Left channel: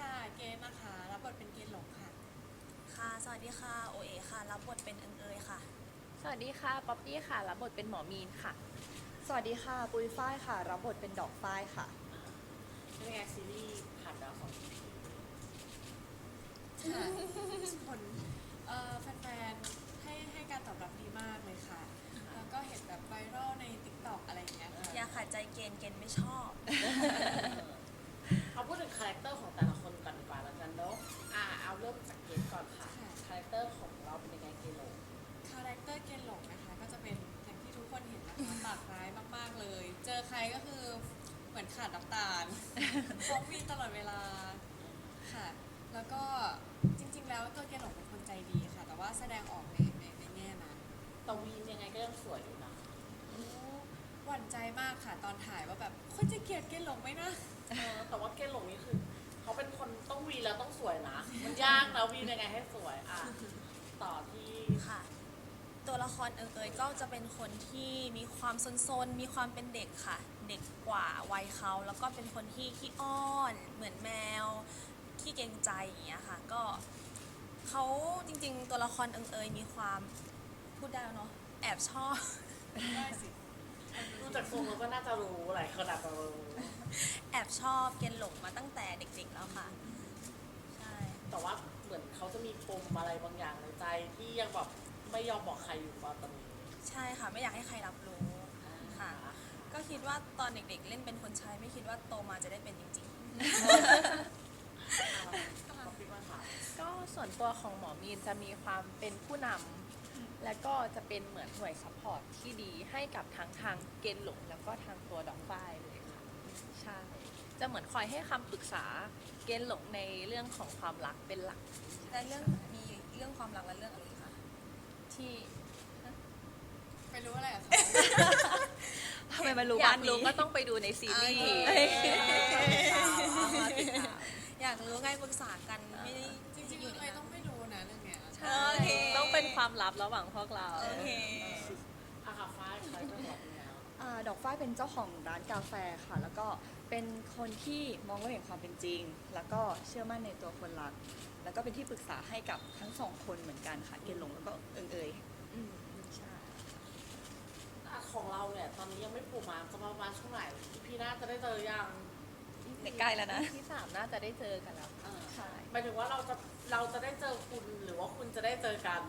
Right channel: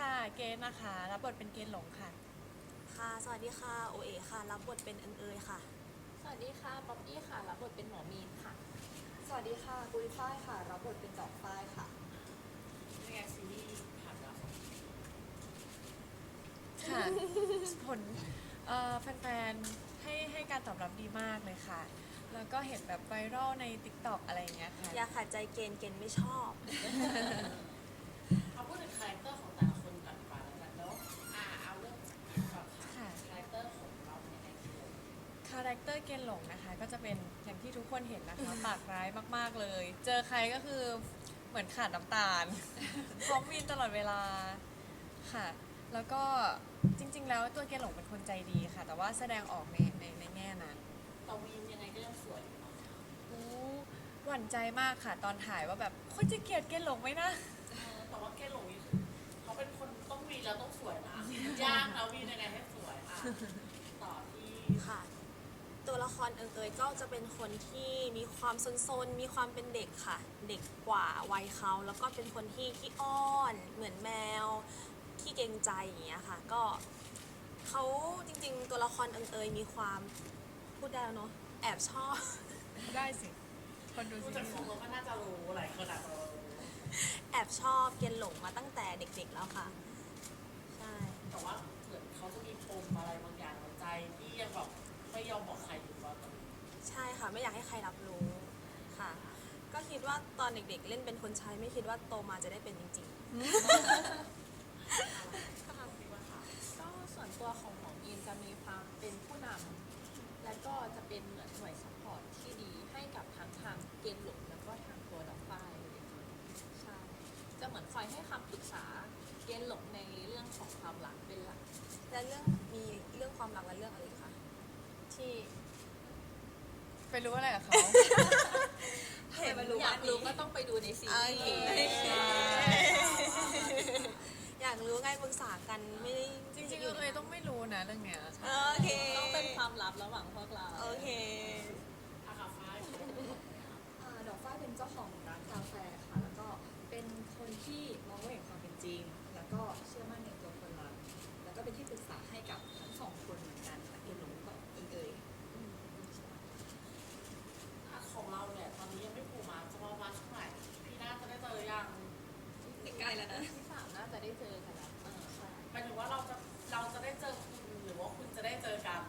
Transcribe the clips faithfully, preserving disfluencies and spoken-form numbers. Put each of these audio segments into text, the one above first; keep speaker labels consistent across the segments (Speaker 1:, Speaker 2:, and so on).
Speaker 1: ค่ะเกณฑ์นะคะรับบทเป็นเกณฑ์หลงค่ะ
Speaker 2: ค่ะสวัสดีค่ะโอเอค่ะรับบทเป็นเอิงเอยค่ะ
Speaker 3: สวัสดีค่ะป๊อปปี้ค่ะรับบทเป็นหมอมีนค่ะ
Speaker 4: สวัสดีค่ะปุยฝ้ายค่ะรับบทเป็นดอกฝ้ายค่ะ
Speaker 5: เป็นยังไงซีรีส์ผ่านไปแล้วสอง อี พี
Speaker 1: ค่ะผลเอ่อแฟนๆให้ให้การตอบรับดีมากเลยค่ะแล้วก็เห็นแบบไวรัลใน ติ๊กต็อก อะไรอย่างเงี้ยค่ะ
Speaker 2: อย่าขัดใจเกณฑ์เกณฑ์ไม่ชอบ
Speaker 5: เอาพูดถึงคาแรคเตอร์ของแต่ละคนก่อนดีกว่าแล้วกันเนาะอ่าเอาเริ่มจากเกมก่อนค่ะคาแรคเตอร์ของเราเป็นยังไงกิโล
Speaker 1: คาแรคเตอร์เกณฑ์หลงนะคะก็จะเป็นอย่างที่ทุกคนเห็นนะคะ ปากร้ายมากๆเลย เจอใครก็คือเหมือนขาดน้ำตาล พร้อมวีนตลอดเวลาค่ะแล้วก็จริงๆแล้วตัวเกณฑ์หลงเป็นคนใจดีค่ะ แต่ว่าแสดงออกในในในแง่นั้น
Speaker 5: ตะวีนยังไงก็ยังสวยอยู่นะ
Speaker 1: โอ้หวั่นใจมากค่ะตอนถ่ายว่าแบบคนจะเกลียดเกณฑ์หลงไหมนะ
Speaker 5: เออแต่ว่าเกณฑ์หลงนี่คือเขาเป็นคนต้องวีนแล้วต้องสวยนะมันยากนะวีนยังไงให้สวยอ่ะต่อที่
Speaker 2: ค่ะ ตัวละครเอิงเอยก็จะเป็นคนที่มีความซนๆมีความเป็นเด็กค่ะ เด็กกว่าวัยเขาแล้วก็เป็นคนที่ขี้อ้อนเหมือนแมวขี้เกรงใจอย่างเงี้ยค่ะก็เขาจริงๆตัวละครเอิงเอยมีความพูดได้แล้วเนาะแอบชอบ
Speaker 1: ได้สิคนดู
Speaker 5: ดู
Speaker 1: สิ
Speaker 5: จากทรงเราก็น่าจะรู้หลายคนอาจจะรู้
Speaker 2: แอบชอบเกณฑ์หลงมาตั้งแต่เด็กๆแล้วค่ะใช่
Speaker 5: แต่ว่าเหมือนเขาจะมีปมอะไรบางอย่างในใจที่ยังแบบไม่ยอมบอกใครอยู่ตอนตอนนี้
Speaker 2: ใช่ค่ะไม่อยากให้ใครรับรู้ค่ะ ก็คิดว่าตอนเด็กๆเล่นเป็นคนใช้ไม่คิดว่าโตมาจะได้เป็นจริงๆ
Speaker 3: ก็ส่วนตัวของหมอมีนจะมีความเป็นผู้นำและก็จะเป็นเหมือนหน่วยซัพพอร์ตที่ดีให้กับทั้งทางเกณฑ์หลงแล้วก็ทางตัวดอกฝ้ายเลยค่ะใช่จะเหมือนคอยให้คำปรึกษาเกณฑ์หลงในเรื่องของความรักเป็นหลัก
Speaker 2: และเรื่องมีเรื่องความรักและเรื่องอะไรอีกคะที่
Speaker 1: ไปรู้อะไรกับเขา
Speaker 4: ทำไมมันรู้
Speaker 3: อยา
Speaker 4: บ้าก น
Speaker 3: รู้
Speaker 4: นี้
Speaker 3: ก็ต้องไปดูในซีรีส์
Speaker 2: โอเค อยากรู้ไงปรึกษากันไม่ได้
Speaker 1: จริงๆเลยต้องไม่รู้นะเรื่องเนี้ย
Speaker 2: โอเค
Speaker 3: ต้องเป็นความลับระหว่างพวกเรา
Speaker 2: โอเค
Speaker 5: อาคาฟ้าใครจะบอกเนี่ย
Speaker 4: อ่าดอกฝ้ายเป็นเจ้าของร้านกาแฟค่ะ แล้วก็เป็นคนที่มองโลกแห่งความเป็นจริง แล้วก็เชื่อมั่นในตัวคนรัก แล้วก็เป็นที่ปรึกษาให้กับทั้งสองคนเหมือนกันค่ะเกณฑ์หลงแล้วก็เอิงเอยใช่
Speaker 5: อ่ะของเราเนี่ยตอนนี้ยังไม่ผูกมาจะมาประมาณช่วงไหนพี่น่าจะได้เจอยัง
Speaker 4: ใกล้แล้วนะ
Speaker 3: ที่สามน่าจะได้เจอกันแล้ว
Speaker 5: เออ
Speaker 3: ใช่
Speaker 5: หมายถึงว่าเราจะเราจะได้เจอคุณหรือว่าคุณจะได้เจอกัน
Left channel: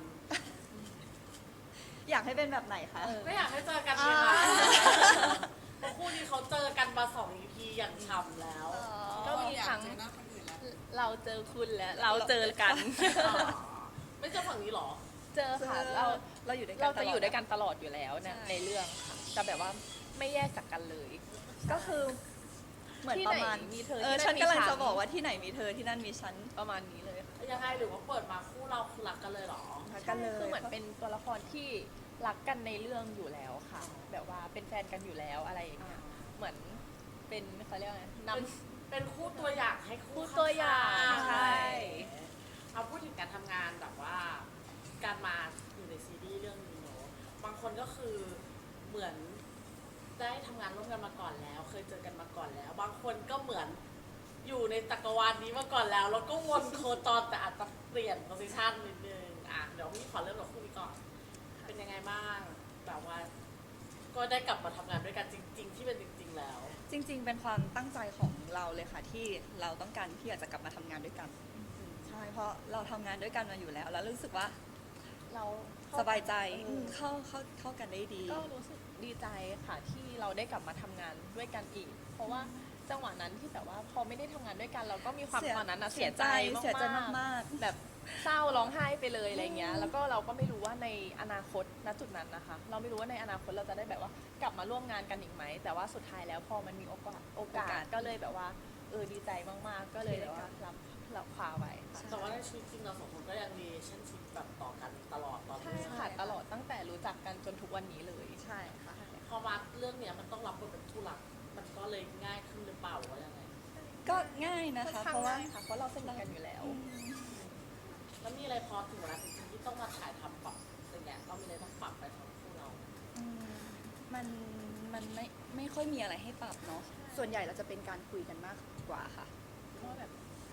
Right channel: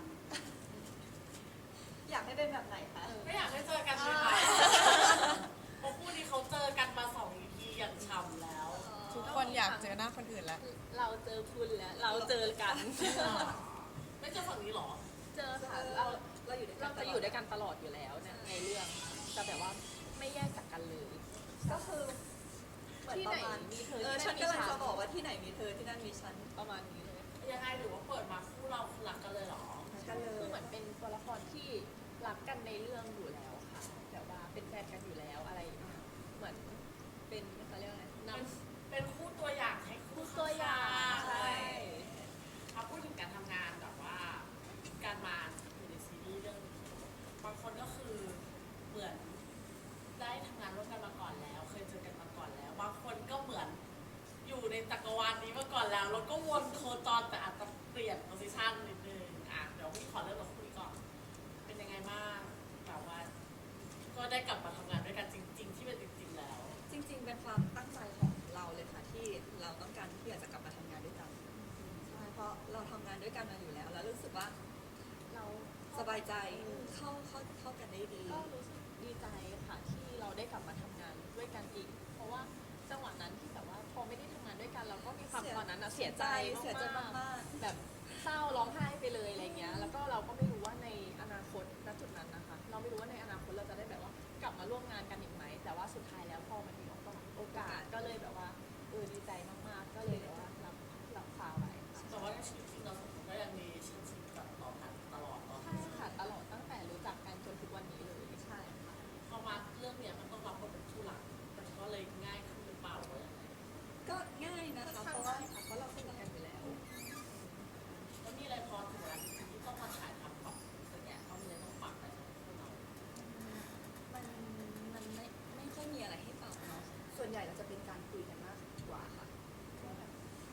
Speaker 4: อยากให้เป็นแบบไหนคะ
Speaker 5: ไม่อยากให้เจอกันเลยนะเพราะคู่นี้เขาเจอกันมาสอง อี พี อย่างฉ่ำแล้ว
Speaker 1: ทุกคนอยากเจอหน้าคนอื่นแล้ว
Speaker 3: เราเจอคุณแล้วเราเจอกัน
Speaker 5: อ๋อไม่เจอฝั่งนี้เหรอ
Speaker 3: เจอค่ะเรา
Speaker 4: เราอยู่ด้วยกัน
Speaker 3: เราจะอยู่
Speaker 4: ตล
Speaker 3: ด้วยกันตลอดอยู่แล้วใน
Speaker 4: ใช่
Speaker 3: ในเรื่องค่ะจะแบบว่าไม่แยกจากกันเลย
Speaker 4: ก็คือเหมือน
Speaker 3: ที่
Speaker 4: ป
Speaker 3: ไหน
Speaker 4: ระมาณ
Speaker 3: มีเธอ
Speaker 4: เออ
Speaker 3: ที่นั่น
Speaker 4: ฉันกำลัง
Speaker 3: มีฉัน
Speaker 4: จะบอกว่าที่ไหนมีเธอที่นั่นมีฉัน
Speaker 3: ประมาณนี้เลยค่ะ
Speaker 5: ยังไงหรือว่าเปิดมาคู่เราคือรักกันเลยเหรอ
Speaker 4: รักกันเล
Speaker 3: คือย เหมือนเป็นตัวละครที่รักกันในเรื่องอยู่แล้วค่ะ แบบว่าเป็นแฟนกันอยู่แล้วอะไรอย่างเงี้ยเหมือนเป็นเขาเรียกว่าไงน
Speaker 5: เป็นเป็นคู่ตัวอย่างให้คู่
Speaker 3: คู่ตัวอย่าง
Speaker 5: ข้ๆ
Speaker 3: ใช่
Speaker 5: เอาพูดถึงการทำงานแบบว่าการมาอยู่ในซีรีส์เรื่องนี้เนอะบางคนก็คือเหมือนได้ทำงานร่วมกันมาก่อนแล้ว เคยเจอกันมาก่อนแล้ว บางคนก็เหมือนอยู่ในจักรวาลนี้มาก่อนแล้ว แล้วก็วนโคจรแต่อาจจะเปลี่ยนโพสิชันนิดนึงอ่ะเดี๋ยวพี่ขอเริ่มกับคู่นี้ก่อน เป็นยังไงบ้างแบบว่า ก็ได้กลับมาทำงานด้วยกันจริง ๆ ที่เป็นจริง ๆ แล้ว
Speaker 4: จริงๆ เป็นความตั้งใจของเราเลยค่ะที่เราต้องการที่อยากจะกลับมาทำงานด้วยกัน ใช่เพราะเราทำงานด้วยกันมาอยู่แล้ว แล้วรู้สึกว่า
Speaker 3: เรา
Speaker 4: สบายใจ
Speaker 3: เออ
Speaker 4: เข้าเข้าเข้ากันได้ดี
Speaker 3: ก็รู้สึกดีใจค่ะที่เราได้กลับมาทำงานด้วยกันอีก เพราะว่าจังหวะนั้นที่แบบว่าพอไม่ได้ทำงานด้วยกันเราก็มีความ
Speaker 4: เสีย
Speaker 3: ตอนนั้นนะ
Speaker 4: เสี
Speaker 3: เสี
Speaker 4: ย
Speaker 3: ย
Speaker 4: ใจ
Speaker 3: ใจ
Speaker 4: เสียใจ
Speaker 3: มากๆ
Speaker 4: มาก
Speaker 3: แบบเศร้าร้องไห้ไปเลยอะไรเงี้ยแล้วก็เราก็ไม่รู้ว่าในอนาคตณจุดนั้นนะคะ เราไม่รู้ว่าในอนาคตเราจะได้แบบว่ากลับมาร่วมงานกันอีกไหมแต่ว่าสุดท้ายแล้วพอมันมีโอกาสโอกาสก็เลยแบบว่าเออดีใจมากๆ ก็เลยแบบว่ารับรับคว้าไว้ค่ะ
Speaker 5: แต่ว่าในชีวิตจริงเราสองคนก็ยังมีเช่นชิปแบบต่อกันตลอดตอน
Speaker 3: ใช่
Speaker 5: นี้
Speaker 3: ค่ะตลอดตั้งแต่รู้จักกันจนทุกวันนี้เลย
Speaker 4: ๆ ใช่ค่ะ
Speaker 5: พอมาเรื่องเนี้ยมันต้องรับบทเป็นผู้หลัก มันก็เลยง่ายขึ้นหรือเปล่าหรือว่ายังไง
Speaker 4: ก็ง่ายนะ
Speaker 3: ค่อน
Speaker 4: คะ
Speaker 3: ข้าง
Speaker 4: เพราะว่า
Speaker 3: ง่ายค่ะเพราะเราสนิทกันอยู่แล้ว
Speaker 5: แล้วมีอะไรพอถึงเวลาที่ต้องมาถ่ายทำปรับอย่างเงี้ยก็มีอะไรต้องปรับไปสำหรับคู่เรา
Speaker 4: อืมมันมันไม่ไม่ค่อยมีอะไรให้ปรับเนาะส่วนใหญ่เราจะเป็นการคุยกันมากกว่าค่ะ
Speaker 3: ว่าแบบ
Speaker 4: ถ้าแบบจะ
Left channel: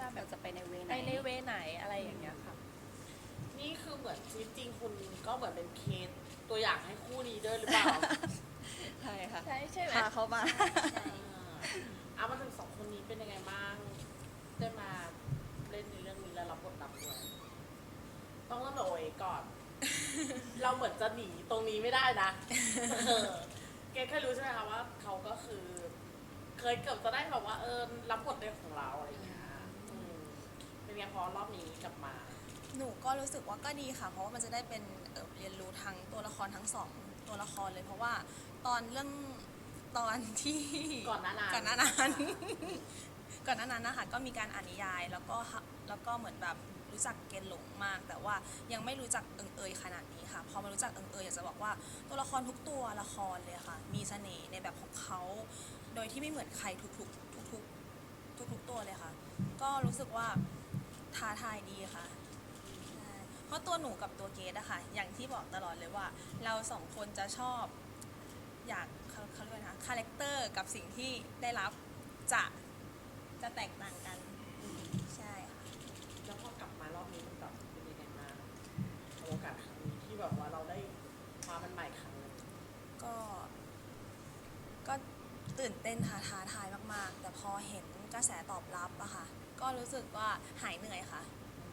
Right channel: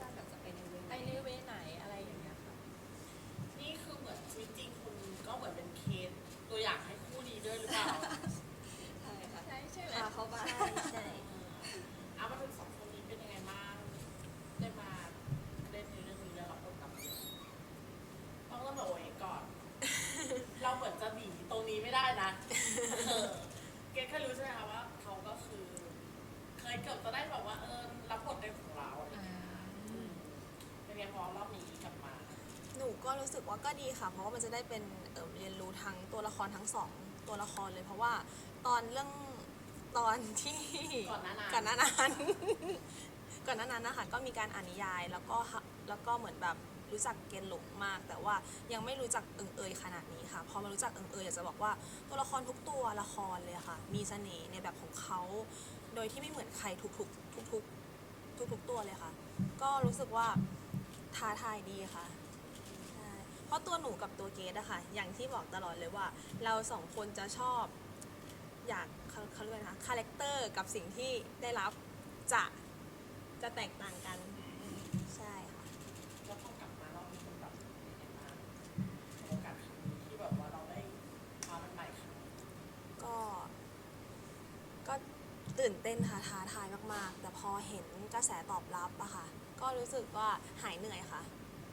Speaker 4: ในเวไหน
Speaker 3: ไปในเวไหนอะไรอย่างเงี้ยค่ะ
Speaker 5: นี่คือเหมือนชีวิตจริงคุณก็เหมือนเป็นเคนตัวอย่างให้คู่นี้ด้วยหรือเปล่า
Speaker 4: ใช่ค่ะ
Speaker 3: ใช่ใช่ไหม
Speaker 4: พาเขามา
Speaker 2: ใช่ใช่
Speaker 5: เอามาถึงสองคนนี้เป็นยังไงบ้างได้มาเล่นในเรื่องนี้แล้วรับบทนำด้วยต้องเริ่มจากโอเอก่อน เราเหมือนจะหนีตรงนี้ไม่ได้นะเออเกรทเคยรู้ใช่ไหมคะว่าเขาก็คือ เคยเกือบจะได้แบบว่าเออรับบทในของเราอะไรอย่างเงี้ยอืมเป็นไงพอรอบนี้กลับมา
Speaker 2: หนูก็รู้สึกว่าก็ดีค่ะ เพราะว่ามันจะได้เป็นเอ่อเรียนรู้ทั้งตัวละครทั้งสองตัวละครเลย เพราะว่าตอนเรื่องตอนที่
Speaker 5: ก่อนหน้านั้น
Speaker 2: ก่อนหน้านั้น ก่อนหน้านั้นนะคะก็มีการอ่านนิยายแล้วก็ฮะแล้วก็เหมือนแบบรู้จักเกณฑ์หลงมาก แต่ว่ายังไม่รู้จักเอิงเอยขนาดนี้ค่ะพอมารู้จักเอิงเอยอยากจะบอกว่าตัวละครทุกตัวละครเลยค่ะ มีเสน่ห์ในแบบของเขาโดยที่ไม่เหมือนใครทุกๆทุกๆทุกๆตัวเลยค่ะ ก็รู้สึกว่าท้าทายดีค่ะ ใช่เพราะตัวหนูกับตัวเกดอะค่ะ อย่างที่บอกตลอดเลยว่า เราสองคนจะชอบ อยากเขาเขาเรียกว่านะคะคาแรคเตอร์กับสิ่งที่ได้รับจะจะแตกต่างกัน ใช่ค่ะ
Speaker 5: แล้วพอกลับมารอบนี้มันแบบเป็นยังไงบ้างกับโอกาสครั้งนี้ที่แบบว่าเราได้มาเป็นใหม่ครั้งหนึง
Speaker 2: ก็ ก็ตื่นเต้นค่ะท้าทายมาก ๆ แต่พอเห็นกระแสตอบรับอะค่ะ ก็รู้สึกว่าหายเหนื่อยค่ะ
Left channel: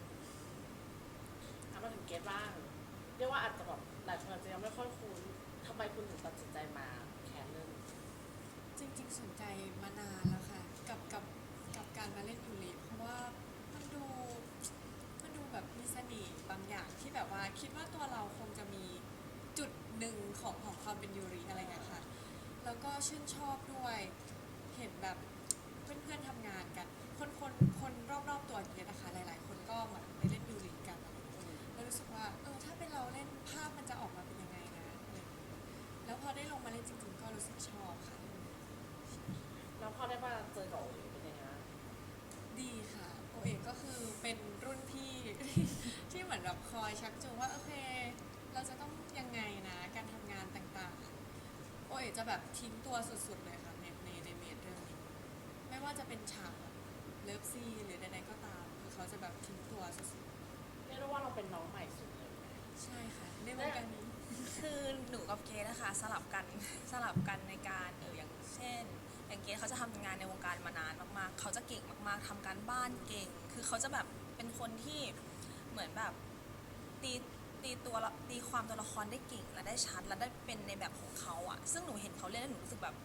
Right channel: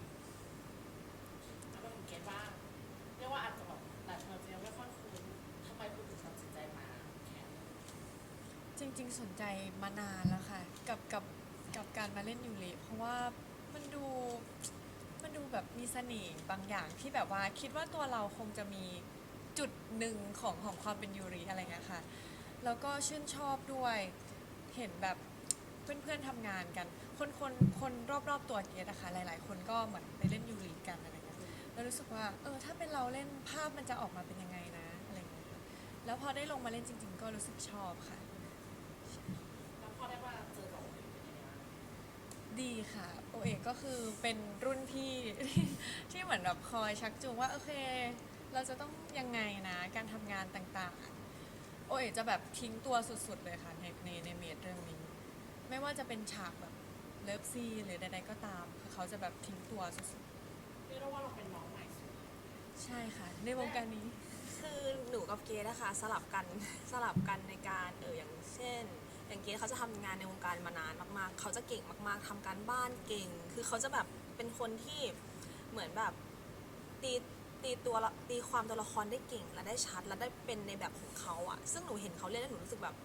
Speaker 5: เอามาถึงเกตบ้าง เรียกว่าอาจจะแบบหลายคนอาจจะยังไม่ค่อยคุ้นทำไมคุณถึงตัดสินใจมาแคสเรื่องนี้
Speaker 1: จริงๆ สนใจมานานแล้วค่ะ กับกับกับการมาเล่นยูริเพราะว่ามันดูมันดูแบบมีเสน่ห์บางอย่างที่แบบว่าคิดว่าตัวเราคงจะมีจุดหนึ่งของของความเป็นยูริอะไรเงี้ยค่ะ แล้วก็ชื่นชอบด้วยเห็นแบบเพื่อนๆทำงานกัน คนคนคนรอบๆตัวเกียรตินะคะหลายๆ คนก็เหมือนไปเล่นยูริกันอะไรเงี้ยแล้วรู้สึกว่าเออถ้าเป็นเราเล่นภาพมันจะออกมาเป็นยังไงนะอะไรเงี้ยค่ะแล้วพอได้ลงมาเล่นจริงๆ ก็รู้สึกชอบค่ะ
Speaker 5: แล้วพอได้มาเจอกับโอเอเป็นยังไงบ้าง
Speaker 1: ดีค่ะโอเอกก็คือเป็นรุ่นพี่ ที่เหมือนแบบคอยชักจูงว่าโอเค เราจะต้องยังไงนะการทำงานต่างๆโอเอกจะแบบทิ้งตัวสุดๆเลยค่ะในในในเมดเรื่องนี้ ไม่ว่าจะเป็นฉากแบบเลิฟซีนหรือใดๆก็ตามคือเขาจะแบบทิ้งตัวสุด
Speaker 5: เรียกได้ว่าเราเป็นน้องใหม่สุดเลย
Speaker 1: ๆใช่ค่ะ ในวงการนี้
Speaker 2: คือหนูกับเกดนะคะสลับกัน สลับกันในการเอออย่างเช่น อย่างเกดเขาจะทำงานในวงการมานานมากๆ เขาจะเก่งมากๆทำการบ้านเก่ง คือเขาจะแบบเป็นคนที่เหมือนแบบตีตีตัวละตีความตัวละครได้เก่งและได้ชัดและได้เป็นในแบบของเขาอะซึ่งหนูเห็นเขาเล่นแล้วหนูรู้สึกแบบ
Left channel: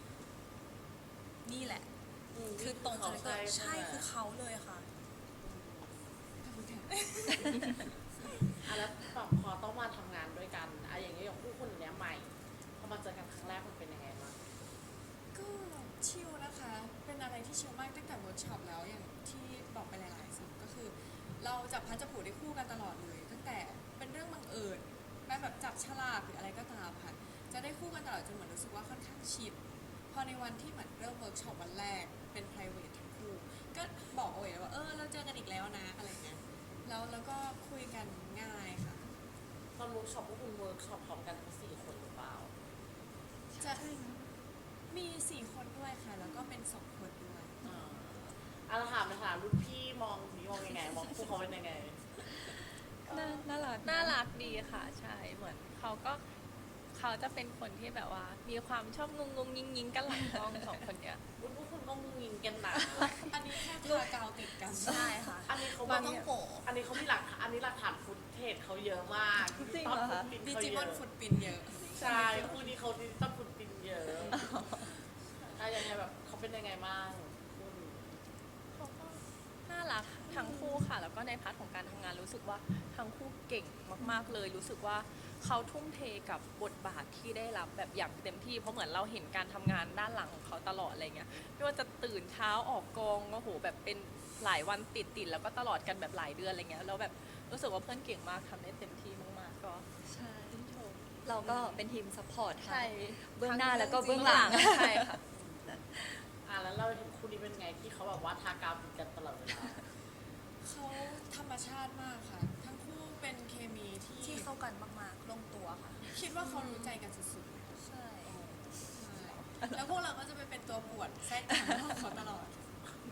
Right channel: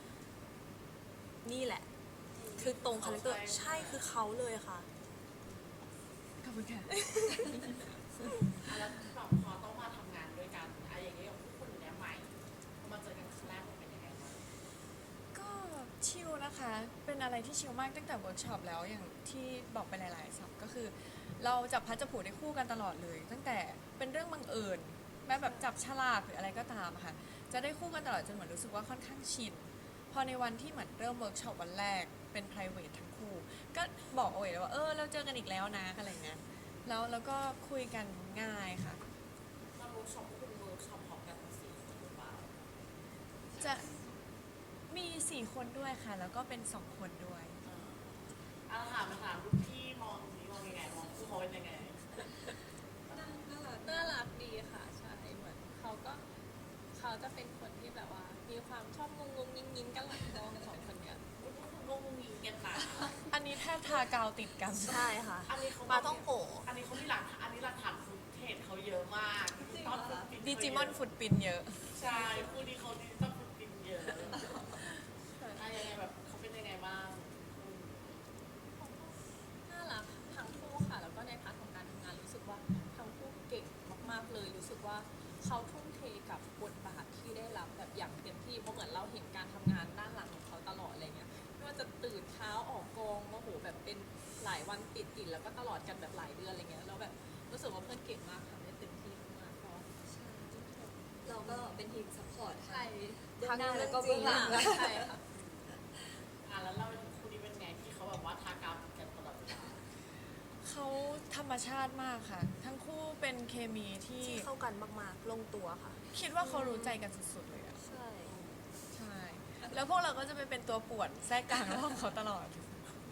Speaker 2: นี่แหละ คือตรงคาแรคเตอร์ใช่คือเขาเลยค่ะ
Speaker 1: ขอบคุณค่ะ
Speaker 5: อ่ะแล้วแบบพอต้องมาทำงานด้วยกันอะอย่างเงี้ยอย่างคู่คนเนี้ยใหม่พอมาเจอกันครั้งแรกมันเป็นยังไงบ้าง
Speaker 1: ก็ชิลนะคะ เป็นอะไรที่ชิลมากตั้งแต่เวิร์กช็อปแล้วอย่างที่บอกไปหลายๆสับก็คือ เราจับพัดจับผูได้คู่กันตลอดเลย ตั้งแต่เป็นเรื่องบังเอิญแบบแบบจับฉลากหรืออะไรก็ตามอะค่ะ จะได้คู่กันตลอดจนเหมือนรู้สึกว่าค่อนข้างชิด พอในวันที่เหมือนเริ่มเวิร์กช็อปวันแรกเป็น private ทั้งคู่ ก็บอกโอ้ยเลยว่าเออเราเจอกันอีกแล้วนะอะไรเงี้ย แล้วแล้วก็คุยกันง่ายค่ะ
Speaker 5: ตอนเวิร์กช็อปพวกคุณเวิร์กช็อปพร้อมกันทั้งสี่คนหรือเปล่า
Speaker 1: จะมีสี่คนด้วยค่ะ แล้วก็เป็นสองคนด้วย
Speaker 5: อ่าอ่ะถามเลยค่ะรุ่นพี่มองนี้มองยังไงมองคู่เขาเป็นยังไง
Speaker 4: น่าน่ารัก
Speaker 3: น่ารักดีค่ะใช่เหมือนเขาก็เขาจะเป็นคนที่แบบว่า มีความชอบงงงยิงยิงๆกันหลังกล้องสองคนเนี้ย
Speaker 5: อุ๊ยพวกคุณก็งงงิงกันหนา
Speaker 1: อันนี้แทบทากาวติดกัน
Speaker 2: ใช่ค่ะ
Speaker 5: อันนี้เขา
Speaker 2: มาต้องโกะ
Speaker 5: อันนี้เขามีหลักฐานอันนี้หลักฐานฟุตเทจเขาเยอะมาก
Speaker 4: จริงเหรอคะ
Speaker 1: ดิจิมอนฟุตปินเยอะ
Speaker 5: ใช่คู่นี้เขาดิจิตอลฟุตปินเยอะอะยังไงแบบเขาเป็นยังไงบ้างคุณ
Speaker 3: เขาก็น่ารักทั้งคู่ค่ะ แล้วก็ในพาร์ทของการทำงานรู้สึกว่าทั้งคู่เก่งมากๆเลย รู้สึกว่าเขาทุ่มเทกับบทบาทที่ได้รับแบบอย่างเต็มที่เพราะเหมือนเราเห็นการทำงานด้านหลังของเขาตลอดอะไรเงี้ยไม่ว่าจะตื่นเช้าออกกองโอ้โหแบบเป็นหลายวันติดๆแล้วก็ตลอดกันแบบหลายเดือนอะไรเงี้ยแล้วแบบรู้สึกว่าเพื่อนเก่งมากทำได้เต็มที่มากๆก็
Speaker 4: ใช่
Speaker 3: ชื่นชม
Speaker 4: เราก็เป็นทีมซัพพอร์ต
Speaker 3: ใช่
Speaker 4: เบื้องหน้าแล้วก็เบื้องหลัง
Speaker 3: ใช่ค่ะ
Speaker 5: อ่ะแล้วเราถึงคู่นี้เป็นไงที่เขาแบบว่าทากาวติดกันตลอดเวลา
Speaker 1: เขาธรรมชาติมากค่ะ ทั้งคู่เป็นเคมีที่
Speaker 2: ที่เข้ากันมากๆ ลงตัวค่ะ
Speaker 1: คิดว่าเขารู้ใจกันสุดๆเลยอะ
Speaker 2: ใช่
Speaker 1: ใช่ แล้วพวกเราก็จะไปเป็นตัวป่วนแทรกกลางห้องเขาตลอด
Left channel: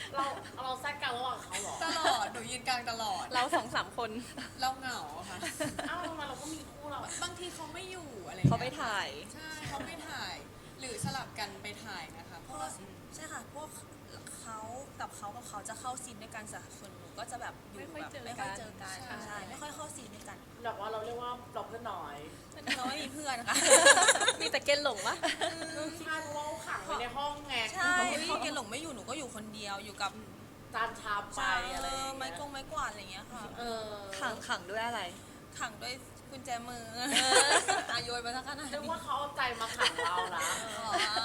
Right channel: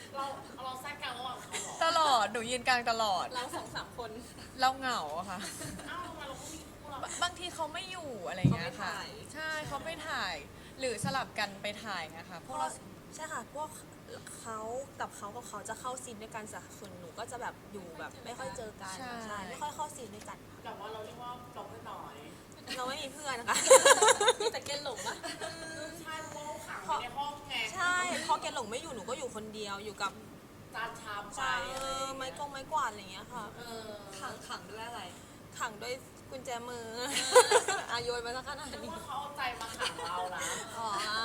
Speaker 5: เราเราแทรกกลางระหว่างเขาเหรอ
Speaker 1: ตลอดหนูยืนกลางตลอด
Speaker 3: เราสองสามคน
Speaker 1: เราเหงาอะค่ะ
Speaker 5: อ้าวทำไมเราก็มีคู่เรา
Speaker 1: บางทีเขาไม่อยู่อะไรอย่าง
Speaker 4: เขา
Speaker 1: เงี้ย
Speaker 4: ไปถ่าย
Speaker 1: ใช่เขาไม่ถ่าย หรือสลับกันไปถ่ายนะคะพ
Speaker 2: เพ
Speaker 1: วก
Speaker 2: ราะ
Speaker 1: เรา
Speaker 2: ใช่ค่ะพวกเขากับเขากับเขาจะเข้าซีนด้วยกันแต่ส่วนหนูก็จะแบบอยู่แบบไม่ค่อยเจอกันใช่ไม่ค่อยเข้าซีนด้วยกัน
Speaker 5: แบบว่าเราเรียกว่าเราเพื่อนน้อย
Speaker 2: เราไม่มีเพื่อนนะคะ
Speaker 3: มีแต่เกณฑ์หลงปะ
Speaker 5: ใช่เพราะว่าเขาขังไว้ในห้องไง
Speaker 2: ใช่พอเกณฑ์หลงไม่อยู่หนูก็อยู่คนเดียวอยู่กับ
Speaker 5: จานชามไป
Speaker 2: ใช่
Speaker 5: อะไรอย่างเงี้ย
Speaker 2: ไม้กงไม้กวาดอะไรอย่างเงี้ยค่ะ
Speaker 5: เออ
Speaker 4: ขังขังด้วยอะไร
Speaker 2: ขังด้วยกุญแจมืออาโยนมาสักขนาด
Speaker 5: นึก
Speaker 2: นี้
Speaker 5: ว่าเขาเอาใจมาขังเรานะ
Speaker 2: อ๋อ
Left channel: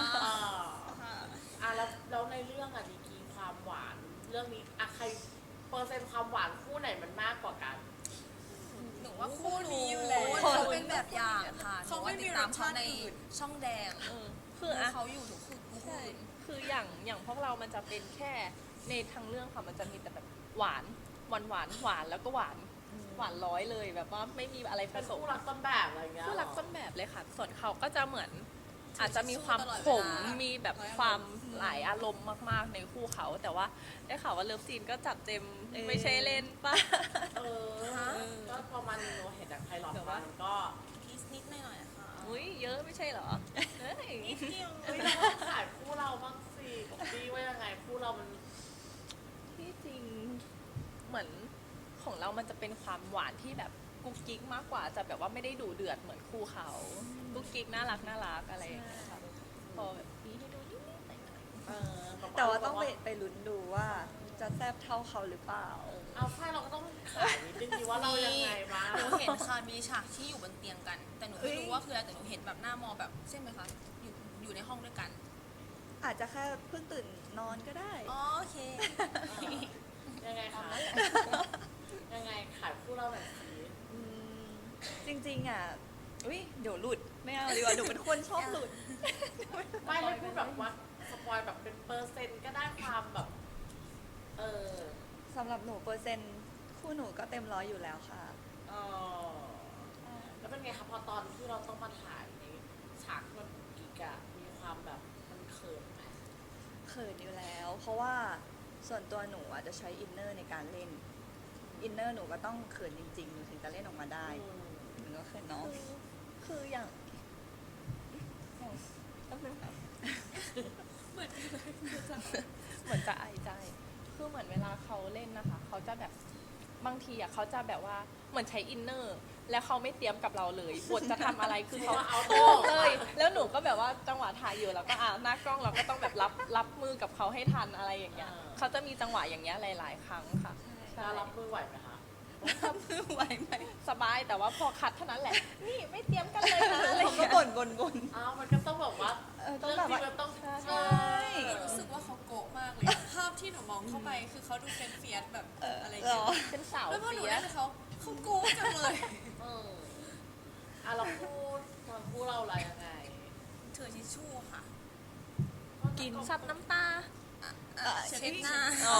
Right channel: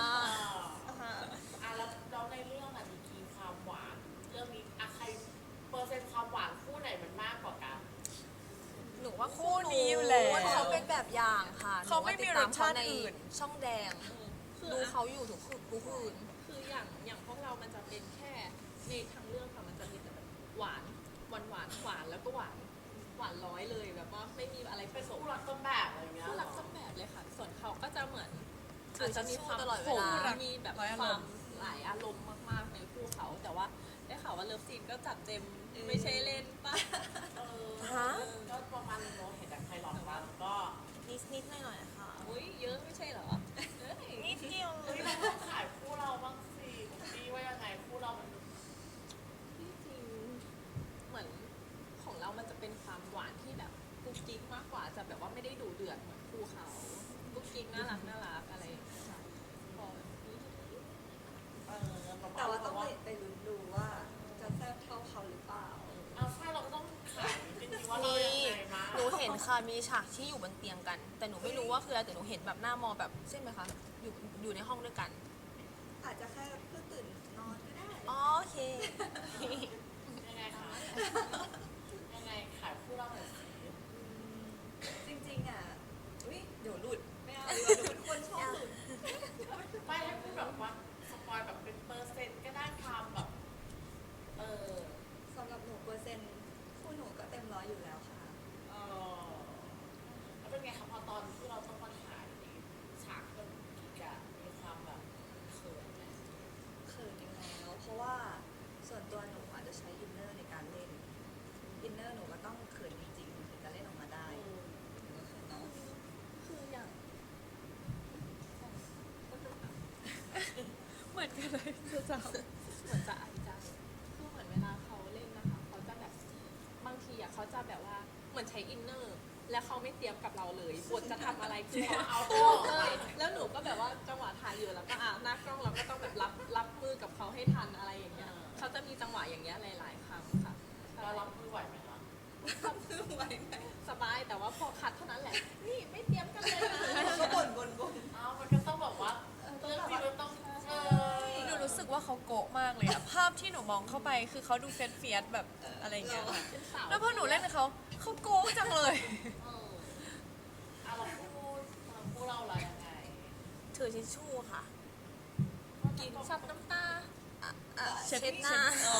Speaker 5: อ่ะแล้วแล้วในเรื่องอะดีกรีความหวาน เรื่องนี้อะใครเปอร์เซ็นต์ความหวานคู่ไหนมันมากกว่ากัน
Speaker 2: หนูว่า
Speaker 1: คู่
Speaker 2: คู่หนู
Speaker 1: นี้อยู่แล้ว
Speaker 2: เขาเป็นแบบอย่างค่ะหนู
Speaker 1: เขาไม่
Speaker 2: ว่า
Speaker 1: มี
Speaker 2: ติดตามเขา
Speaker 1: รสชาติ
Speaker 2: ใน
Speaker 1: อื่น
Speaker 2: ช่องแดง
Speaker 3: คือ
Speaker 2: ดู
Speaker 3: อะ
Speaker 2: เขาอยู่ทุกคืนทุกคืน
Speaker 3: คืออย่างอย่างพวกเรามันจะเป็นแค่ในทางเรื่องค่ะมันจะมีแต่แบบหวานหวานหวานหวานแล้วก็หวานหวานร้อยเลยแบบว่าไม่มีอะไรผ
Speaker 5: เป็น
Speaker 3: สม
Speaker 5: คู่รักต้นแบบอะไรอย่างเงี้ย
Speaker 3: คู่รักต้นแบบเลยค่ะ ส่วนเขาก็จะเหมือน
Speaker 2: ถือ
Speaker 3: อาจจะมีความ
Speaker 2: ตลอด
Speaker 3: ข
Speaker 2: เว
Speaker 3: ม
Speaker 2: ลา
Speaker 3: มีแบบความหลายอารมณ์มาก ๆ ในคู่เขา แต่ว่าได้ข่าวว่าเลิฟซีนก็จัดเต็ม
Speaker 4: เออ
Speaker 3: ไม่ใช่เล่นป่ะ
Speaker 5: เออ
Speaker 2: ฮะ
Speaker 5: ก็ประมาณนึงเราเห็นจากไพลอต
Speaker 3: แต่
Speaker 5: มา
Speaker 3: ว่า
Speaker 5: มันก็
Speaker 2: นิดนิดหน่อยหน่อยๆค่ะ
Speaker 3: อุ้ยเยอะไม่ใช่เหรอเอ้ย
Speaker 2: นิดเดียว
Speaker 5: เฮ้ยเราต้องขายคู่เราบ้างสิของพี่ว่ายังไงคู่เรามัน
Speaker 3: ที่จริงเหมือนของเรามันจะเป็นความหวานที่แบบกุ๊กกิ๊กมากกว่าจะแบบว่าไม่ได้ดุเดือดเหมือนคู่เขากุ๊กกิ๊กน่ารักน่ารักอะไรอย่างเงี้ยค่ะพอแบบนี้ดูนิดๆหน่อย
Speaker 5: เออแบบ
Speaker 4: แต่ว่าต้องไป
Speaker 5: แบบ
Speaker 4: ไปลุ้นดูว่าจะแซ่บเท่าเขาหรือเปล่า
Speaker 5: เอาใช่เราก็ต้องขายนิดนึงดีว่าเรายังไงบ้าง
Speaker 2: หนูเห็นค่ะมีฉากที่อยู่บนเตียงกัน แต่หนูไม่รู้ว่าคืออะไรแต่หนูเห็นแบบหน้ามองแบบใช่ไหมคะอยู่อยู่ในห้องด้วยกัน
Speaker 4: อาจจะแค่เพิ่งตื่นนอนก็ได้
Speaker 2: อ๋อโอเค
Speaker 5: ยังไงคะยังไงขายคู่เราหน่อยสิ
Speaker 4: อืมจริงๆอ่ะอุ้ยเดี๋ยวหลุดไม่เอาดีกว่าหนูเป็นคนชอบหลุด
Speaker 5: ไม่ให้พูดแบบว่าสปอยแบบเป็นเปอร์เซ็นต์ก็ได้ความแบบ เออ
Speaker 4: สำหรับหนูเปอร์เซ็นต์คู่หนูก็เต็มร้อยอยู่แล้วค่ะ
Speaker 5: เออแล้วเป็นไงคะพอตอนที่เราต้องมาถ่ายในฉากที่มันกิกอะมีความแบบมันเขินไหม
Speaker 4: เขินอยู่แล้ว เพราะว่าส่วนตัวหนูอาจจะใช้อินเนอร์ในการเล่น อินเนอร์หนูก็ต้องเขินจริงๆหนูถึงจะเล่นออกมาได้
Speaker 5: อืม
Speaker 4: หนูก็เขินน้อง
Speaker 3: ๆคืออย่างอย่างแป๊บนึงค่ะ
Speaker 1: เหมือนกันเลย
Speaker 3: เหมือนจะอายใจ คือเหมือนเวลาเขาเล่นนะคะ เขาจะแบบบางทีอ่ะเขาจะแบบว่าเหมือนใช้อินเนอร์ แล้วเขาไม่เตรียมกับเราเลยบทจะทำอะไรคือเขา
Speaker 5: เอา
Speaker 3: พู
Speaker 5: ตัว
Speaker 3: ดเลย แล้วหนูก็แบบว่าจังหวะถ่ายอยู่แล้วก็อ่าหน้ากล้องเราก็ต้องแบบรับรับมือกับเขาให้ทันอะไรอย่างเงี้ยเขาจะมีจังหวะอย่างเงี้ยหลาย ๆ ครั้งค่ะ
Speaker 5: เรารับมือไหวไหมคะ
Speaker 4: ไหวไหม
Speaker 3: สบายแต่ว่าพอคัดเท่านั้นแหละ นี่ไม่เตรียมกันเลยนะอะไรอ
Speaker 4: เขา
Speaker 3: ย่าง
Speaker 4: ก็
Speaker 3: เงี้ย
Speaker 4: บ่นบ่นบ่น
Speaker 5: อ้าวมันก็ต้องแบบว่า
Speaker 4: เออต้อง
Speaker 5: เรื่อง
Speaker 4: แบบ
Speaker 5: จริง
Speaker 4: ว่า
Speaker 5: มันต้อง
Speaker 3: ใช่
Speaker 5: เออ
Speaker 1: หนูรู้สึกว่าเขาโกะมากเลยอะภาพที่หนูมองเข้าไปคือเขาดูเฟียสเฟียสๆแบบอะไรเงี้ย
Speaker 4: หรอ
Speaker 3: เป็นสาว
Speaker 1: แล้วพอหนูเล่นกับเขาเขาโกะจังเลย
Speaker 5: เอออ่ะเราพูดทางคู่เราอะไรยังไง
Speaker 2: ถือทิชชู่ค่ะ
Speaker 3: กินซับน้ำตา
Speaker 2: อ่ะ
Speaker 4: เช็ด
Speaker 2: เช็ดหน้า
Speaker 4: อ๋อ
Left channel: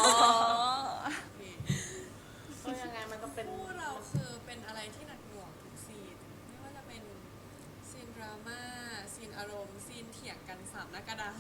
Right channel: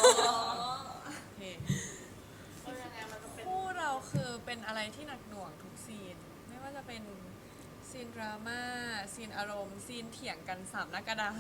Speaker 5: ก็ยังไงมันก็เป็น
Speaker 1: คู่เราคือเป็นอะไรที่หนักหน่วงทุกซีน ไม่ว่าจะเป็นซีนดราม่าซีนอารมณ์ซีนเถียงกันสามหน้ากระดาษ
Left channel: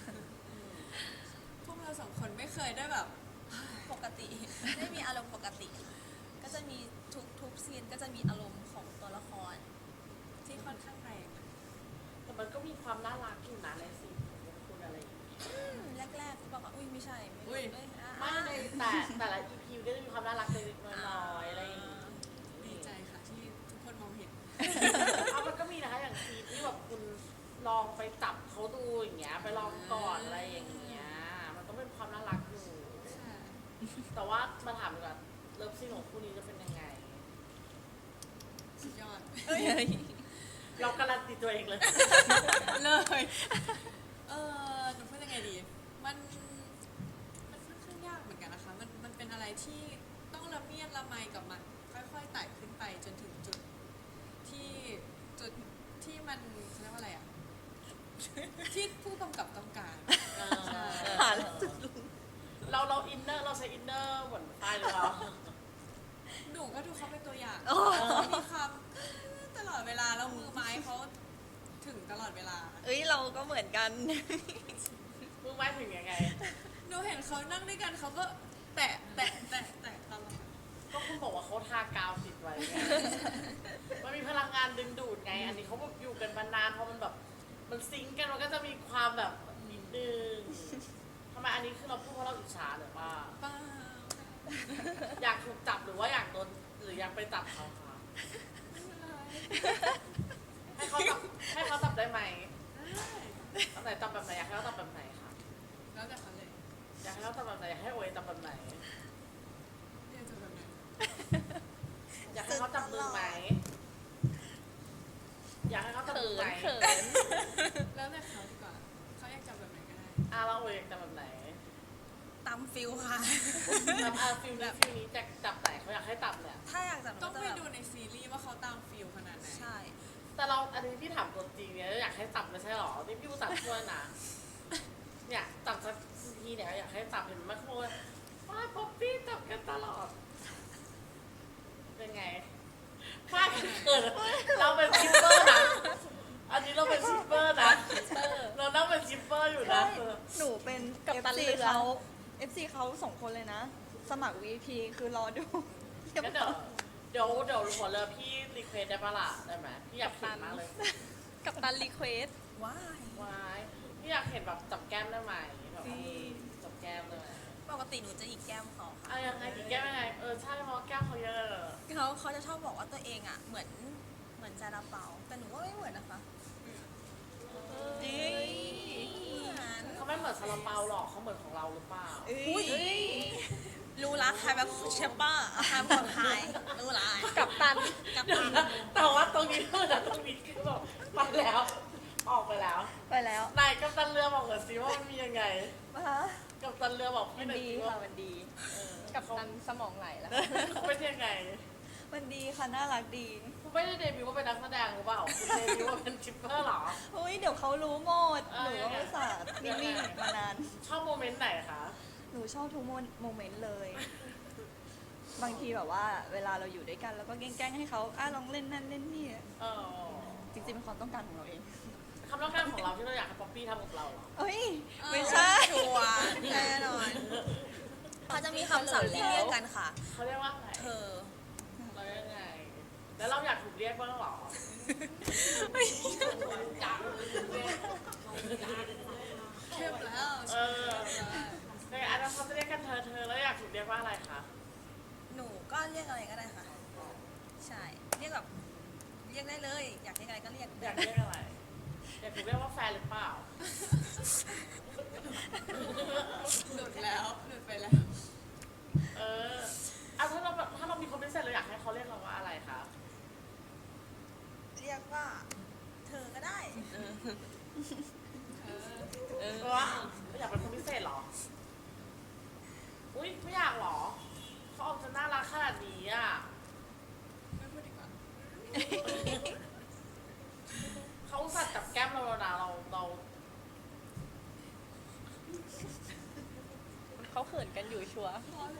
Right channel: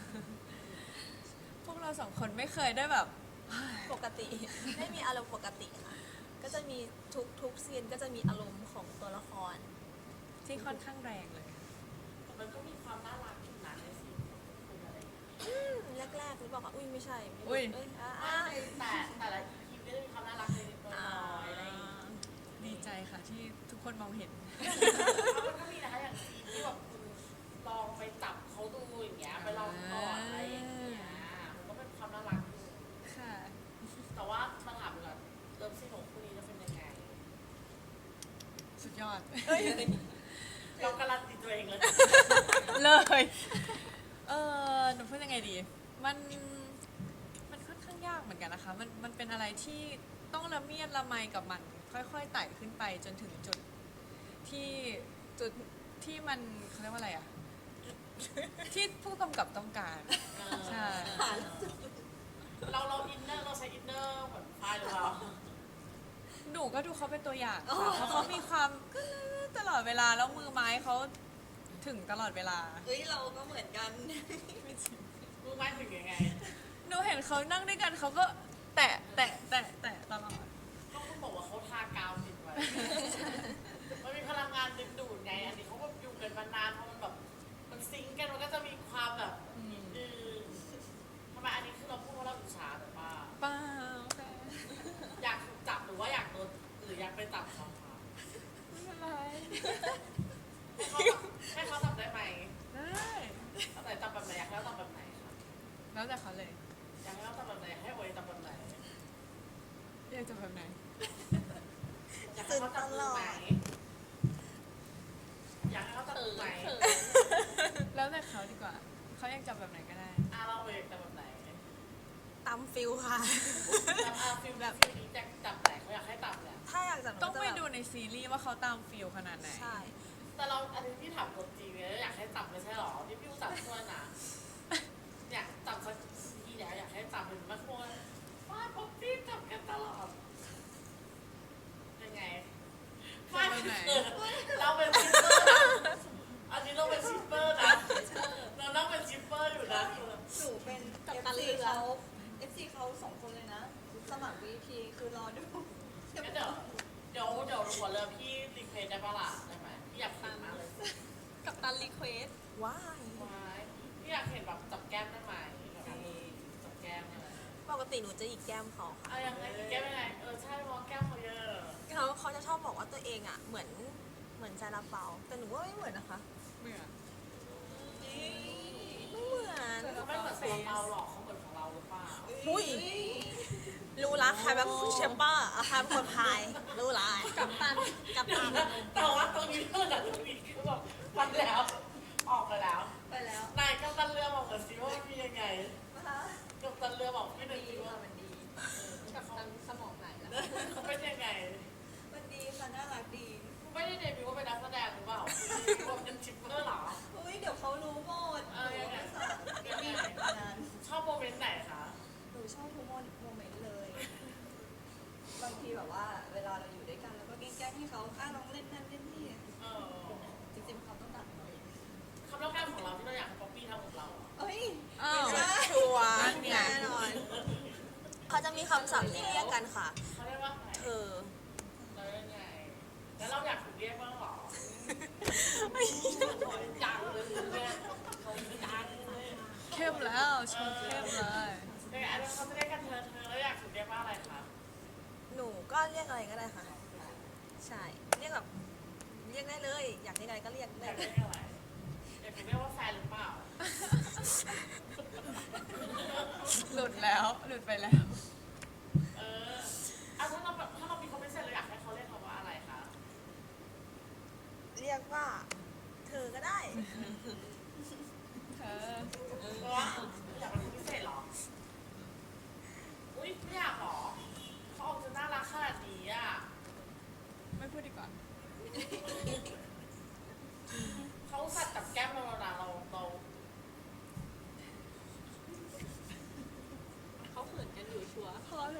Speaker 1: พวกเราสองคนไม่เคยได้แบบ
Speaker 2: ปกติ ไม่มีอารมณ์ปกติค่ะ ก็จะมีทุกทุกซีนก็จะมีอารมณ์ของตัวละคร
Speaker 1: ที่ค่อนข้างแรงเลย
Speaker 5: แต่มันก็มีความน่ารักอยู่นะในซีนของพวกคุณอะไรอย่างเงี้ย
Speaker 2: อืมแรกๆหรือเปล่าคะอุ้ยไม่ใช่ไม่รู้
Speaker 1: อุ๊ย
Speaker 2: เอ้ยอ่ะ
Speaker 5: ไม่
Speaker 2: อ่ะ
Speaker 5: ในแต่แต่ละ อี พี ก็จะมีความน่ารักเล็กๆน้อยๆอะไรอย่างงี้
Speaker 1: ดีใจค่ะที่ทุกคนมองเห็น
Speaker 5: เอามันก็มีนะคะอย่างซีนที่แบบคุณลองไปจับเขาดูอย่างเงี้ยไปลองก่อนอะไรอย่างเงี้ยมันก็เป็นความน่ารักอยู่
Speaker 1: ค่ะ
Speaker 5: แต่ว่ามาถามดีกว่าเลิฟซีนของคู่นี้จะเป็นยังไง
Speaker 1: สุดยอด
Speaker 5: เราการันตีตัวเองเลย
Speaker 1: เลย เออหนูพูดยังไงดี มัน มันค่อนข้างยากเหมือนกันนะคะ มัน มันเป็นอะไรที่ต้องละเมียดละไมกับมัน ค่อยๆไต่ขึ้นไปจนถึงจุดที่จุดที่มันเขาเรียกว่าอะไรอะที่ผู้กำกับต้องการ ใช่
Speaker 4: ผ่าน
Speaker 5: เราเราอินเนอร์เราใช้อินเนอร์เหมือนป้ายหรือเปล่า
Speaker 1: หนูก็ดูเขาเป็นตัวอย่างเขามีความตลอดเวลาแล้วมือไม้เขาถึงตลอดเวลา
Speaker 4: เอ้ยเราก็เหมือนกัน
Speaker 5: มือไม้ถึงยังไง
Speaker 1: หนูเห็นเขานั่งด้วยกันเขาก็แตะแตะแตะแตะตลอด
Speaker 5: ก็คุณบอกว่าเขาทากาวติดไว้ไง มันมีพลังงานดึงดูดไง อันนี้เขาแบบอยู่กันมานานเพราะมันแบบมันซิงก์กันมันก็จะมีความแบบนิดนึงทำไมอันนี้คือเราพูดเพราะเราอิจฉาหรือว่า
Speaker 1: เปล่าค่ะ
Speaker 5: อยากถูกจับหรือว่าอยากโดนหรืออยากไปจับเขาคะ
Speaker 1: ไม่เป็นไร
Speaker 5: ให้เขาจับให้เขาจับได้ไหม
Speaker 1: ได้
Speaker 5: ตอนไหนจับแบบไหนอยากให้เขาจับแบบไหนคะ
Speaker 1: แล้วแต่เขาเลย
Speaker 5: อยากให้เขาจับแบบไหนอยากให้โอยจับแบบไหน
Speaker 1: อยากจะแบบไหน
Speaker 5: อยากให้เขาจับมือไหมอยากให้เขาจับ
Speaker 3: เขิ
Speaker 5: มือน ไหม
Speaker 3: เขิน
Speaker 1: แล้วแต่เขาดีกว่าเขาอยากจับแบบไหนก็ได้
Speaker 5: อ่ะเราโอยอยากจับแบบไหน
Speaker 2: ตามฟิลค่ะ
Speaker 5: จับอาฟิลแบบฟิลนี้จะจับไหนเขาอยากให้จับเนี่ย
Speaker 2: ถ้าอยากจับหนู
Speaker 1: ต้อง
Speaker 2: ก็จะ
Speaker 1: ไป
Speaker 2: แบบ
Speaker 1: ดูในซีรีส์ว่าเขาตามฟิลขนาดไหน
Speaker 2: ใช่
Speaker 5: แต่เราอันนี้พี่ถามตัวจริงเนี่ยอยากให้จับไม่ใช่หรอนี่พี่อุตส่าห์ช่วยนะเนี่ยจับสักทีเนี่ยอยากให้จับเห็นไหมเขาบอกว่าป้าป๊อปปี้จับกันตลอดยังไงป้าเกิดเราเป็นชิปเปอร์นะอันนี้เราเป็นชิปเปอร์นะเรานั่งเป็นชิปเปอร์อยู่นะ
Speaker 4: หนูเป็น
Speaker 3: กัปตัน
Speaker 4: เอฟ
Speaker 3: เรื
Speaker 4: ซี
Speaker 3: อ
Speaker 4: เขา เอฟซี เขาสองคนเลยนะ สมัคร วี พี คือรอดู
Speaker 5: งั้นเดี๋ยวเดี๋ยวเดี๋ยวหัวเรือพี่รีเควสได้ปะล่ะได้ไหมพี่อยากเห็นมากเลย
Speaker 3: กับตันรีเควส
Speaker 2: ว้าย
Speaker 5: ว้ายพี่อยากเห็นแบบจับแก้มได้ไหมแบบเอามือจับแก้มได้ไหม
Speaker 2: ปกติหนูจะหยิกแก้มเขาค่ะ
Speaker 5: เอายังไงอีกแก้มยังไงเออใช่เพราะแก้มเขาเยอะเลย
Speaker 2: เขาเขาจะชอบบอกว่าตัวเองอ่ะ เหมือนเหมือนซาลาเปา แต่หนูว่าไม่เหมือนนะคะ
Speaker 1: เหมือน
Speaker 2: จริงเหมือน
Speaker 5: เขาไม่เหมือนซาลาเปาหรอกเขาเหมือนของเราหรือเปล่า
Speaker 2: อุ้ยรู้ละใครแบบเชมเปอร์ใครเป็นคนไทยรู้ละ
Speaker 3: กับตัน
Speaker 2: กับตัน
Speaker 5: แต่ว่าตรงนี้เท่านั้นตรงนี้คือแบบไปแล้ว ออกไปแล้ว
Speaker 4: ไปแล้ว
Speaker 5: นายกัปตันเรือบอกหน่อยสิว่ามันมียังไง
Speaker 4: ฮะ
Speaker 5: กัปตันเรือบอก
Speaker 4: มั
Speaker 5: พี่
Speaker 4: น
Speaker 5: หน่อย
Speaker 4: ดี
Speaker 5: สิว่า
Speaker 4: ค่ะ มันดี
Speaker 3: กับตันสมองไหลแล้ว
Speaker 5: เขาเป็นยังไง
Speaker 4: มันดีค่ะ น่ารักดี
Speaker 5: คุณไม่ได้เดบิวต์ว่าเป็นนักแสดงหรือเปล่าคุณเดบิวต์ว่าเป็นชิปเปอร์เหรอ
Speaker 4: อุ้ยเดี๋ยวเขารู้หมด
Speaker 5: เอ
Speaker 4: ห
Speaker 5: อ
Speaker 4: นู
Speaker 5: ยังไง
Speaker 4: ก็สาดนิ่งๆมานาน
Speaker 5: ชอบโมเมนต์ไหนคะ
Speaker 4: หนูชอบทุกโมเมนต์เลย บางทีแบบว่า เวลาเราอยู่ด้วยกันแล้วก็แกล้งๆให้เขาอ่ะลองเล่นนั่นเล่นนี่
Speaker 5: เออ
Speaker 4: จริงๆเป็นความต้องการของเราเอง
Speaker 5: คำต้องการของเราที่เราอยากให้ป๊อปปี้ทำกับเราเหรอ
Speaker 4: เอ้ย
Speaker 2: ไม่ใช่ชัวร์แน่นอน เขาจะมีคำศัพท์ที่เรียกกันค่ะ
Speaker 5: เขาเรียกว่าไง
Speaker 2: เธอ
Speaker 5: เราเรียกไง แล้วเราอยากถูกเรียกบ้างเหรออยากถูกเรียก
Speaker 1: เข้มแล้วชมเข้มเลย
Speaker 5: เป็นไงอันนั้นเขาจะเรียกกันเธอเธอแล้วอยากถูกเรียกว่าอะไรคะ
Speaker 2: หนูก็เรียกอะไรก็ได้ค่ะ ใช่ เรียกแบบเรียกได้เลย อยากเรียกอะไรก็เรียก
Speaker 5: อ
Speaker 2: ได้
Speaker 5: ยากเรียกอะไร อยากถูกเรียกว่าแฟนหรือเปล่า
Speaker 1: หลุดแล้วหลุดไปแล้ว
Speaker 5: เออเอาถ้าเราถ้าเรามีคนพิเศษเราอยากให้เขาเรียกเราว่าอะไรคะ
Speaker 2: เรียกว่า เธอก็ได้
Speaker 1: เออ
Speaker 5: เพราะว่าอยากเป็นคนพิเศษเหรอ อุ้ยไม่อยากเหรอ เขาออกจะน่ารักขนาดนี้อ่ะ
Speaker 1: ไม่พูดดีกว่า
Speaker 5: เขาอุตสัตว์จับแก้มเราแล้วนะเราเรา
Speaker 3: เขาเขินกันอยู่ชัวร์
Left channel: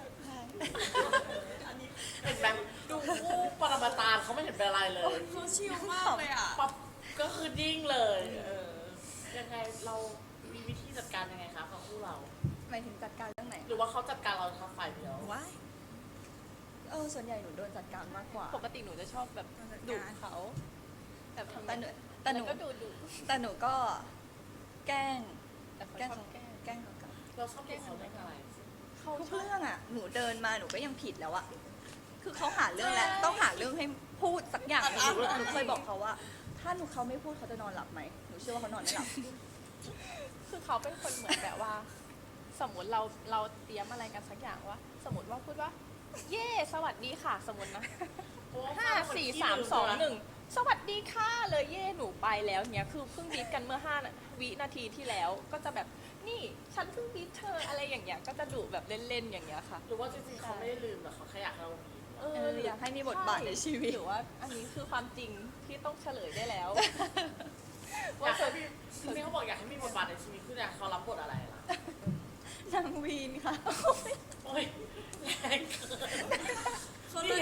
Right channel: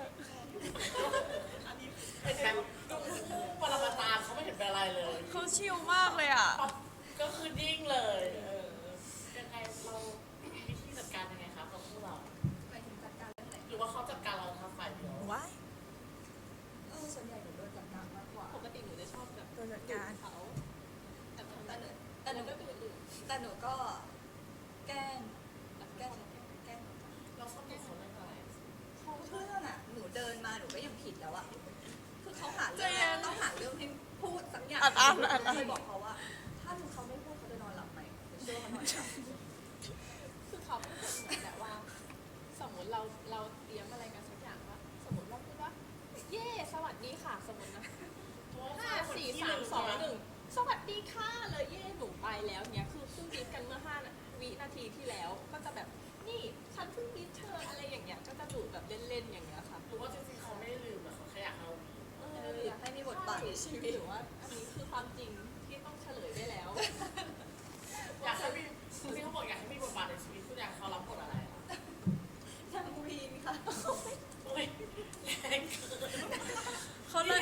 Speaker 5: เห็นไหมดูคู่ปรมาจารย์เขาไม่เห็นเป็นอะไรเลย
Speaker 1: เขาชิลมากเลยอ่ะ
Speaker 5: ปั๊บก็คือนิ่งเลย เออ ยังไงเรามีวิธีจัดการยังไงคะกับคู่เรา
Speaker 4: หมายถึงจัดการเรื่องไหน
Speaker 5: หรือว่าเขาจัดการเราทางฝ่ายเดียว
Speaker 2: ว้าย
Speaker 4: เออ ส่วนใหญ่หนูโดนจัดการมากกว่า
Speaker 3: ปกติหนูจะชอบแบบ
Speaker 2: โดนจัด
Speaker 3: ดุ
Speaker 2: การ
Speaker 3: เขาแบบทำ
Speaker 4: แต่หนูแต่หนู
Speaker 3: แล้วก็ดูดุ
Speaker 4: แต่หนูก็แกล้ง
Speaker 3: แต่เขา
Speaker 4: แกล้ง
Speaker 3: ชอบแกล้ง
Speaker 4: แกล้งเขากลับ
Speaker 5: เราชอบดูเขาเล่นอะไร
Speaker 3: เขา
Speaker 4: ทุก
Speaker 3: ชอบ
Speaker 4: เรื่องอ่ะ หนูเดินมาหนูก็ยังผิดแล้วอะคือเขาหาเรื่องแล้วต้องหาเรื่องให้พูดสักอย่าง
Speaker 1: อัดอั้นอัดอั้น
Speaker 4: เคยบอกเขาว่า ถ้าหนูเขาไม่พูดเขาจะนอนหลับไหมหนูเชื่อว่าเขานอนไม่หลับ
Speaker 3: คือเขาเป็นคนเหมือนแบบว่า สมมติเราเราเตรียมอะไรกันสักอย่างว่า สมมติว่าพูดว่า เย่สวัสดีค่ะ สมมตินะ
Speaker 5: เพราะว่า
Speaker 3: ห้าสี่สามสองหนึ่งสวัสดีค่ะเลยเย่หนูไปแล้วเนี้ยคือเพิ่งบีบกันเมื่อห้าวินาทีที่แล้ว ก็จะแบบนี่ฉันเพิ่งบีบเธออะไรอย่างเงี้ยก็จะดุแบบเล่นๆอย่างเงี้ยค่ะ
Speaker 5: หรือว่าจริงๆเขาไม่ได้ลืมหรอกเขาแค่อยากให้เรามี
Speaker 3: เอ
Speaker 4: เอออยากให้มีบทบาทในชีวิต
Speaker 3: หรือว่าอันนี้คือความจริงที่ต้องเฉลยได้แล้ว
Speaker 5: อยากให้มีที่เขาบอกอยากให้มีบทบาทในชีวิตคืออยากให้เขารับบทอะไรล่ะ
Speaker 4: นางวีนค่ะ
Speaker 5: โอ้ยแรงเกิน
Speaker 1: เขาเลย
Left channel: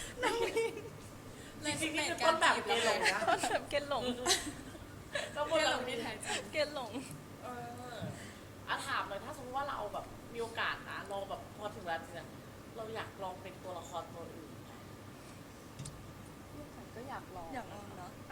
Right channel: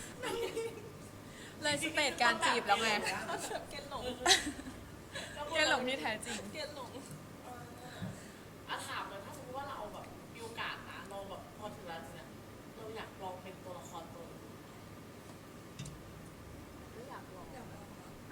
Speaker 1: เลยสเปดการจีบเราเลยนะ
Speaker 3: เกณฑ์หลง
Speaker 5: แล้วบ
Speaker 1: เก
Speaker 5: ท
Speaker 1: ลหล
Speaker 5: เรา
Speaker 1: งที่แท้จริง
Speaker 3: เกณฑ์หลง
Speaker 5: เอออ่ะถามเลยถ้าสมมติว่าเราแบบ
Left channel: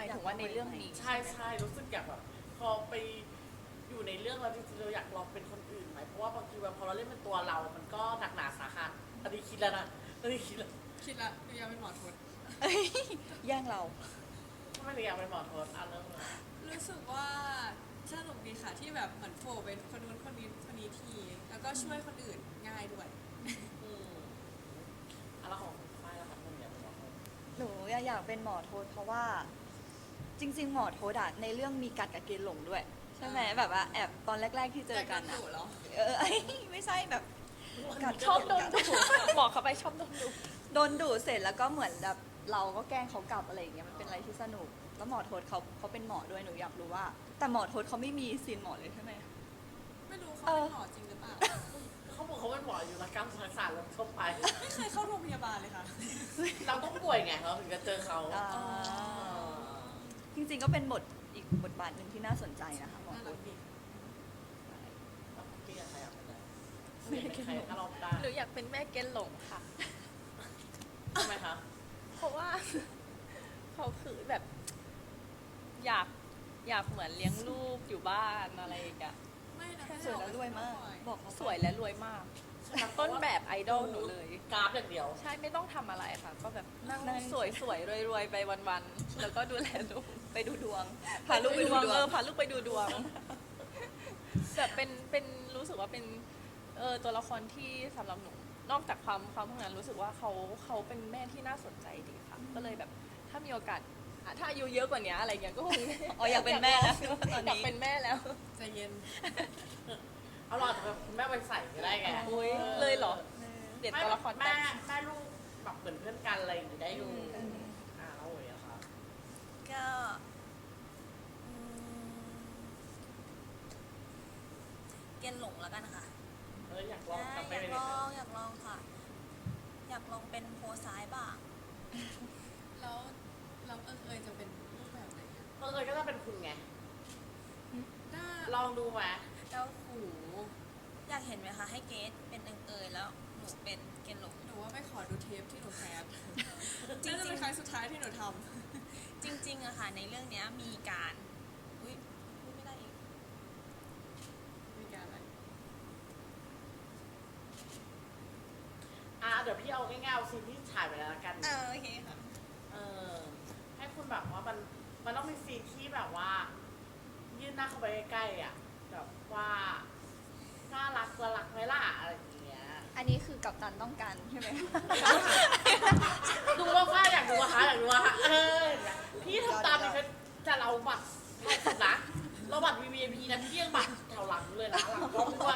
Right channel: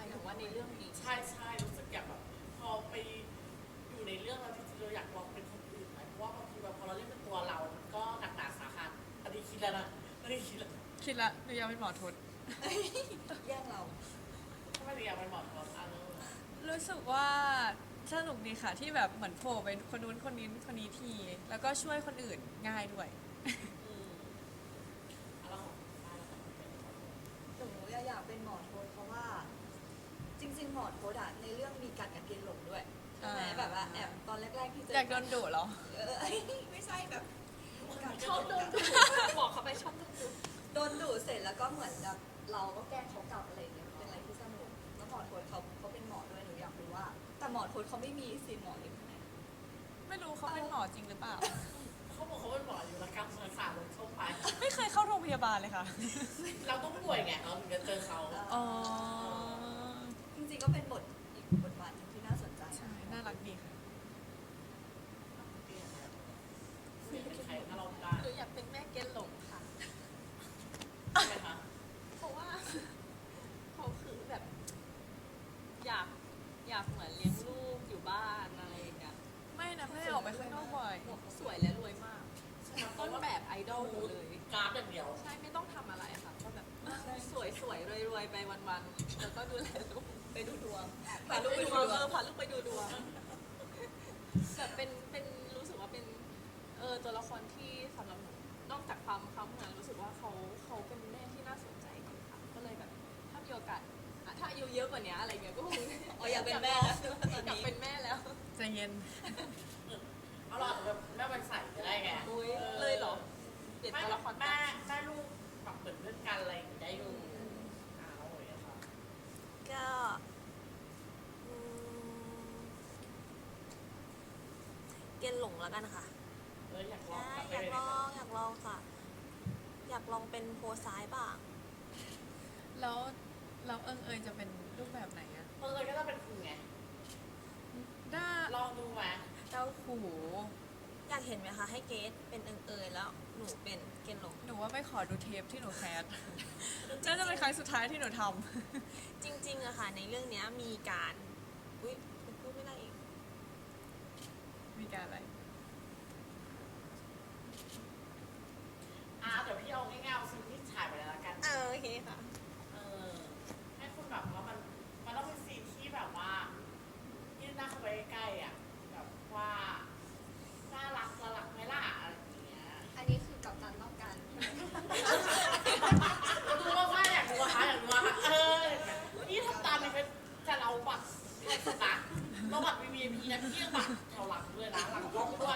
Speaker 3: มายถึงว่าในเรื่องนี้
Speaker 5: ใช่ใช่รู้สึกอยากแบบพอไปอยู่ในเรื่องแล้วจริงๆเราอยากลองเป็นคนอื่นไหมเพราะว่าบางทีแบบพอเราเล่นเป็นตัวเรา มันก็หนักหนาสาหัสอันนี้คิดแล้วนะอันนี้คิดแล้ว
Speaker 1: คิดละหนูอยากเป็นหมอทศ
Speaker 4: แย่งเรา
Speaker 5: ทำไมถึงอยากเป็นหมอทศอ่ะเริ่มเลย
Speaker 1: รู้สึกว่าสนุกดีค่ะที่แบบเหมือนโผล่เป็นคนนู้นคนนี้คนนี้ที แล้วก็ช่วยคนอื่นง่ายด้วย
Speaker 5: อืมอะแล้วของฝ้ายล่ะคะทำไมอยากเป็นหมอทศ
Speaker 4: หนูอยากเป็นหมอโทษเพราะว่าจริง ๆ หมอโทษอะในเรื่องมีกัดกับเกณฑ์หลงด้วยใช่ไหม
Speaker 1: อ่า
Speaker 4: แบบว่าแอบตอนแรก ๆ ที่เจ
Speaker 1: อยา
Speaker 4: อก
Speaker 1: โด
Speaker 4: กัน
Speaker 1: นดุเหรอ
Speaker 4: เออ ไม่ใช่แบบกัด
Speaker 3: ชอบโดน
Speaker 4: กัด
Speaker 3: ดุบอกเขาไปชอบโดนดุ
Speaker 4: โดนดุเสร็จแล้วก็เหมือนแบบเราก็แกล้งเขากลับอะไรอย่างเงี้ยมันเป็นอะไรที่สนุกแล้วหมอโทษเขาเขาเป็นหมอด้วยหนูอยากรู้ว่า แต่หมอโทษเขาไม่มีซีนหมอเลยใช่ไหม
Speaker 1: ไม่รู้เขาเป็นหมอจริงหรือเปล่า
Speaker 5: เขาบอกเขาเป็นหมออยู่รักกรรมศาสตร์ลงทั่วไป
Speaker 1: ไม่เคยเข้าโรงพยาบาลเลยค่ะ
Speaker 5: เราต้องป่วยไงเราถึงจะเจอเขา
Speaker 4: อ่า
Speaker 1: อ๋อ
Speaker 4: จริงๆก็เป็นบทอีกบทบาทหนึ่งที่น่าสนใจนะคะหมอ
Speaker 1: น่า
Speaker 4: โท
Speaker 1: รั
Speaker 4: ษ
Speaker 1: กดีค่ะ
Speaker 5: แล้วคุณพี่ใครอ่ะไม่เป็นใครถ้าเราได้
Speaker 3: หนูอยากเป็นแม่เกณฑ์หลงค่ะ
Speaker 5: ทำไมคะ
Speaker 3: เพราะว่า เขาคือแบบ อยากอยากเหมือนเลี้ยงลูกอยู่บ้านอะไรอย่างเงี้ย
Speaker 1: ไม่นะ
Speaker 4: ส
Speaker 1: ไม่
Speaker 4: วย
Speaker 1: ออกไป
Speaker 4: และรวย
Speaker 1: ข้างนอ
Speaker 4: มาก ก
Speaker 1: บ่อย
Speaker 4: บอกเขา
Speaker 3: สวยและรวยมาก
Speaker 5: ใช่ไหม
Speaker 3: ต้นแบบไอดอลหนูเลย
Speaker 5: กราฟอย่างเดียว
Speaker 3: ใช่ไม่ต้องทำอะไรค่ะ ก็แบบนั่งสวยสวยรวยรวยๆไปวันๆแล้วก็ดูแลลูก
Speaker 4: ไปดูดวงพาลูกไป
Speaker 3: ดู
Speaker 4: ดู
Speaker 3: ดวง
Speaker 4: ด
Speaker 3: เอ
Speaker 4: ว
Speaker 3: อง พาลูกไปดูดวงแต่เป็นเป็นรู้สึกว่าเป็นเออตัวละครที่สำหรับหนูนอกจากความความพวกนั้นรู้สึกว่าเขาเขาเป็นแม่ที่น่าสนใจดีค่ะ ก็เลยแบบถ้ามีโอกาสอ่ะถ้าอายุเยอะกว่านี้อะไรเงี้ยก็คง
Speaker 4: อ๋ออยากเป็นแม่แล้วตอน
Speaker 3: อยาก
Speaker 4: นี้
Speaker 3: เป็นแม่แล้ว
Speaker 1: ใจเย็น
Speaker 5: เอาเราอาจจะแบบคุณแม่ไปใส่ก็ได้ไง
Speaker 3: โอ้ยเลยเหรอ เปลี่ยน
Speaker 5: ไม่
Speaker 3: ตัวละคร
Speaker 5: แม่
Speaker 3: แต่
Speaker 5: แม่ลูกแบบเหมือนเพื่อนกันอะไรอย่างนี้ได้อยู่อ่าแล้วเลยอะค่ะ
Speaker 2: ก็อืมเกณฑ์หลงแล้วกันค่ะ
Speaker 5: เอออยากลอง
Speaker 2: ใช่
Speaker 5: กลับไป
Speaker 2: อยาก
Speaker 5: เลย
Speaker 2: ล
Speaker 5: ค่ะ
Speaker 2: องอยากลองค่ะ อยากลองเป็นโพซ้ายบ้าง
Speaker 1: แล้วเราเอิงเอยจะเป็นรูปแบบไหนอะ
Speaker 5: เออเออก็จะเป็นคุณไง
Speaker 1: ด้า
Speaker 5: ลองดูไหม
Speaker 2: แล้ว
Speaker 1: โอ้โห
Speaker 2: อยากเห็นไหมคะให้เกดเป็นเอิงเอยแล้วหนูเป็นเกณฑ์หลง
Speaker 1: หนูว่าไม่ขอดูเทปที่หนูแคสน่าจะเป็นครั้งสุดท้ายที่หนูท
Speaker 2: จริงๆอะค่ะ ในเรื่องเนี้ยมีการอุ้ยพูดไม่ได้อีก
Speaker 1: ำมีการอะไร
Speaker 5: อ่าเดี๋ยวพี่เอาง่ายๆเอาซีนที่ถ่ายไปแล้วละกัน
Speaker 2: เออโอเคค่ะ
Speaker 5: เออให้คุณแบบว่ามันมันต้องมีซีนที่แบบว่า ยื่นหน้าเข้าไปใกล้ๆอ่ะแบบว่าน่ารักละรักไหมล่ะอะไรอย่างเงี้ย
Speaker 4: อันนี้คือกัปตันต้องการใช่ไหม
Speaker 5: ดูว่าฝ้ายอยากดูอะคะอยากดูอะคะเออเห็นไหมพี่ทำตามดิฉันแต่เราบัตรแพงสุดนะเราบัตร วี วี ไอ พี นะพี่ยังบัตรแถวหลังเลยนะหลังกล้องด้วย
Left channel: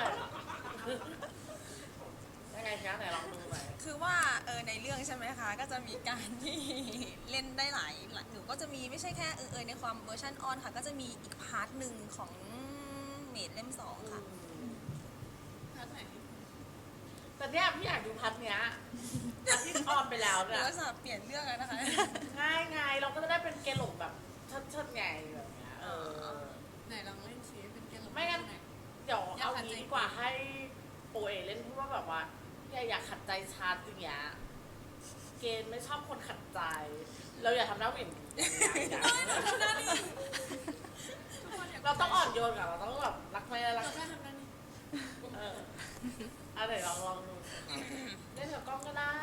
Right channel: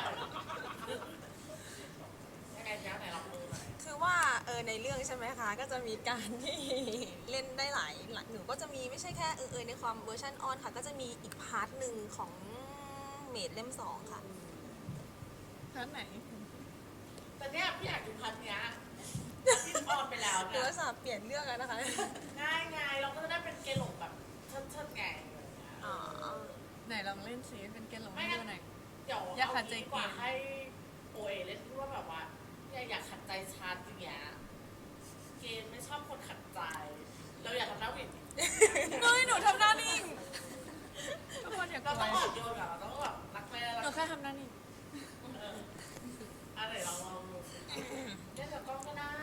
Speaker 5: ยังไงคะไหนลองดูหน่อย
Speaker 2: คือว่าเออในเรื่องใช่ไหมคะ ก็จะมีการที่ เล่นได้หลายหลายหนูก็จะมีไม่ใช่แค่เออเออในความเวอร์ชันออนค่ะ ก็จะมีอีกพาร์ทหนึ่งของเมดเล่มสองค่ะ
Speaker 1: ร้านไหน
Speaker 5: แต่เนี้ยพี่อยากดูพันเนี้ยพันที่ออนไปแล้ว
Speaker 2: หนู
Speaker 5: เนี่ย
Speaker 2: ก็จะเปลี่ยนเรื่องแล้วนะคะ
Speaker 5: ง่ายไงเราก็จะได้เป็นเกลหลงแบบเชิดๆไงอะไรอย่างเงี้ยเออ
Speaker 1: ไหนลองเล่นซิเป็นเกลหลง
Speaker 5: ไม่งั้น
Speaker 1: ไหน
Speaker 5: เดี๋ยว
Speaker 1: อยาก
Speaker 5: เอา
Speaker 1: ขัดใจ
Speaker 5: งี้ดีกว่าให้โอเอเล่นพูดว่าแบบว่าเนี่ยอยากขัดใจชาร์จอย่างเงี้ยเกณฑ์ไม่ชอบคนขัดใจ เราอย่าทำหน้าเหวี่ยงดี
Speaker 1: เฮ้ยหนูทำหน้านี่ทุกคนอย่ากลั
Speaker 5: เรา
Speaker 1: ว
Speaker 5: ต้องอ่อนโยนกับเราต้องแบบรักไม่ได้รั
Speaker 1: หนู
Speaker 5: ก
Speaker 1: แค่ทำหน้านี่
Speaker 5: เอออะไรลองลองดูสิคะเล่นกับกล้องก็ได้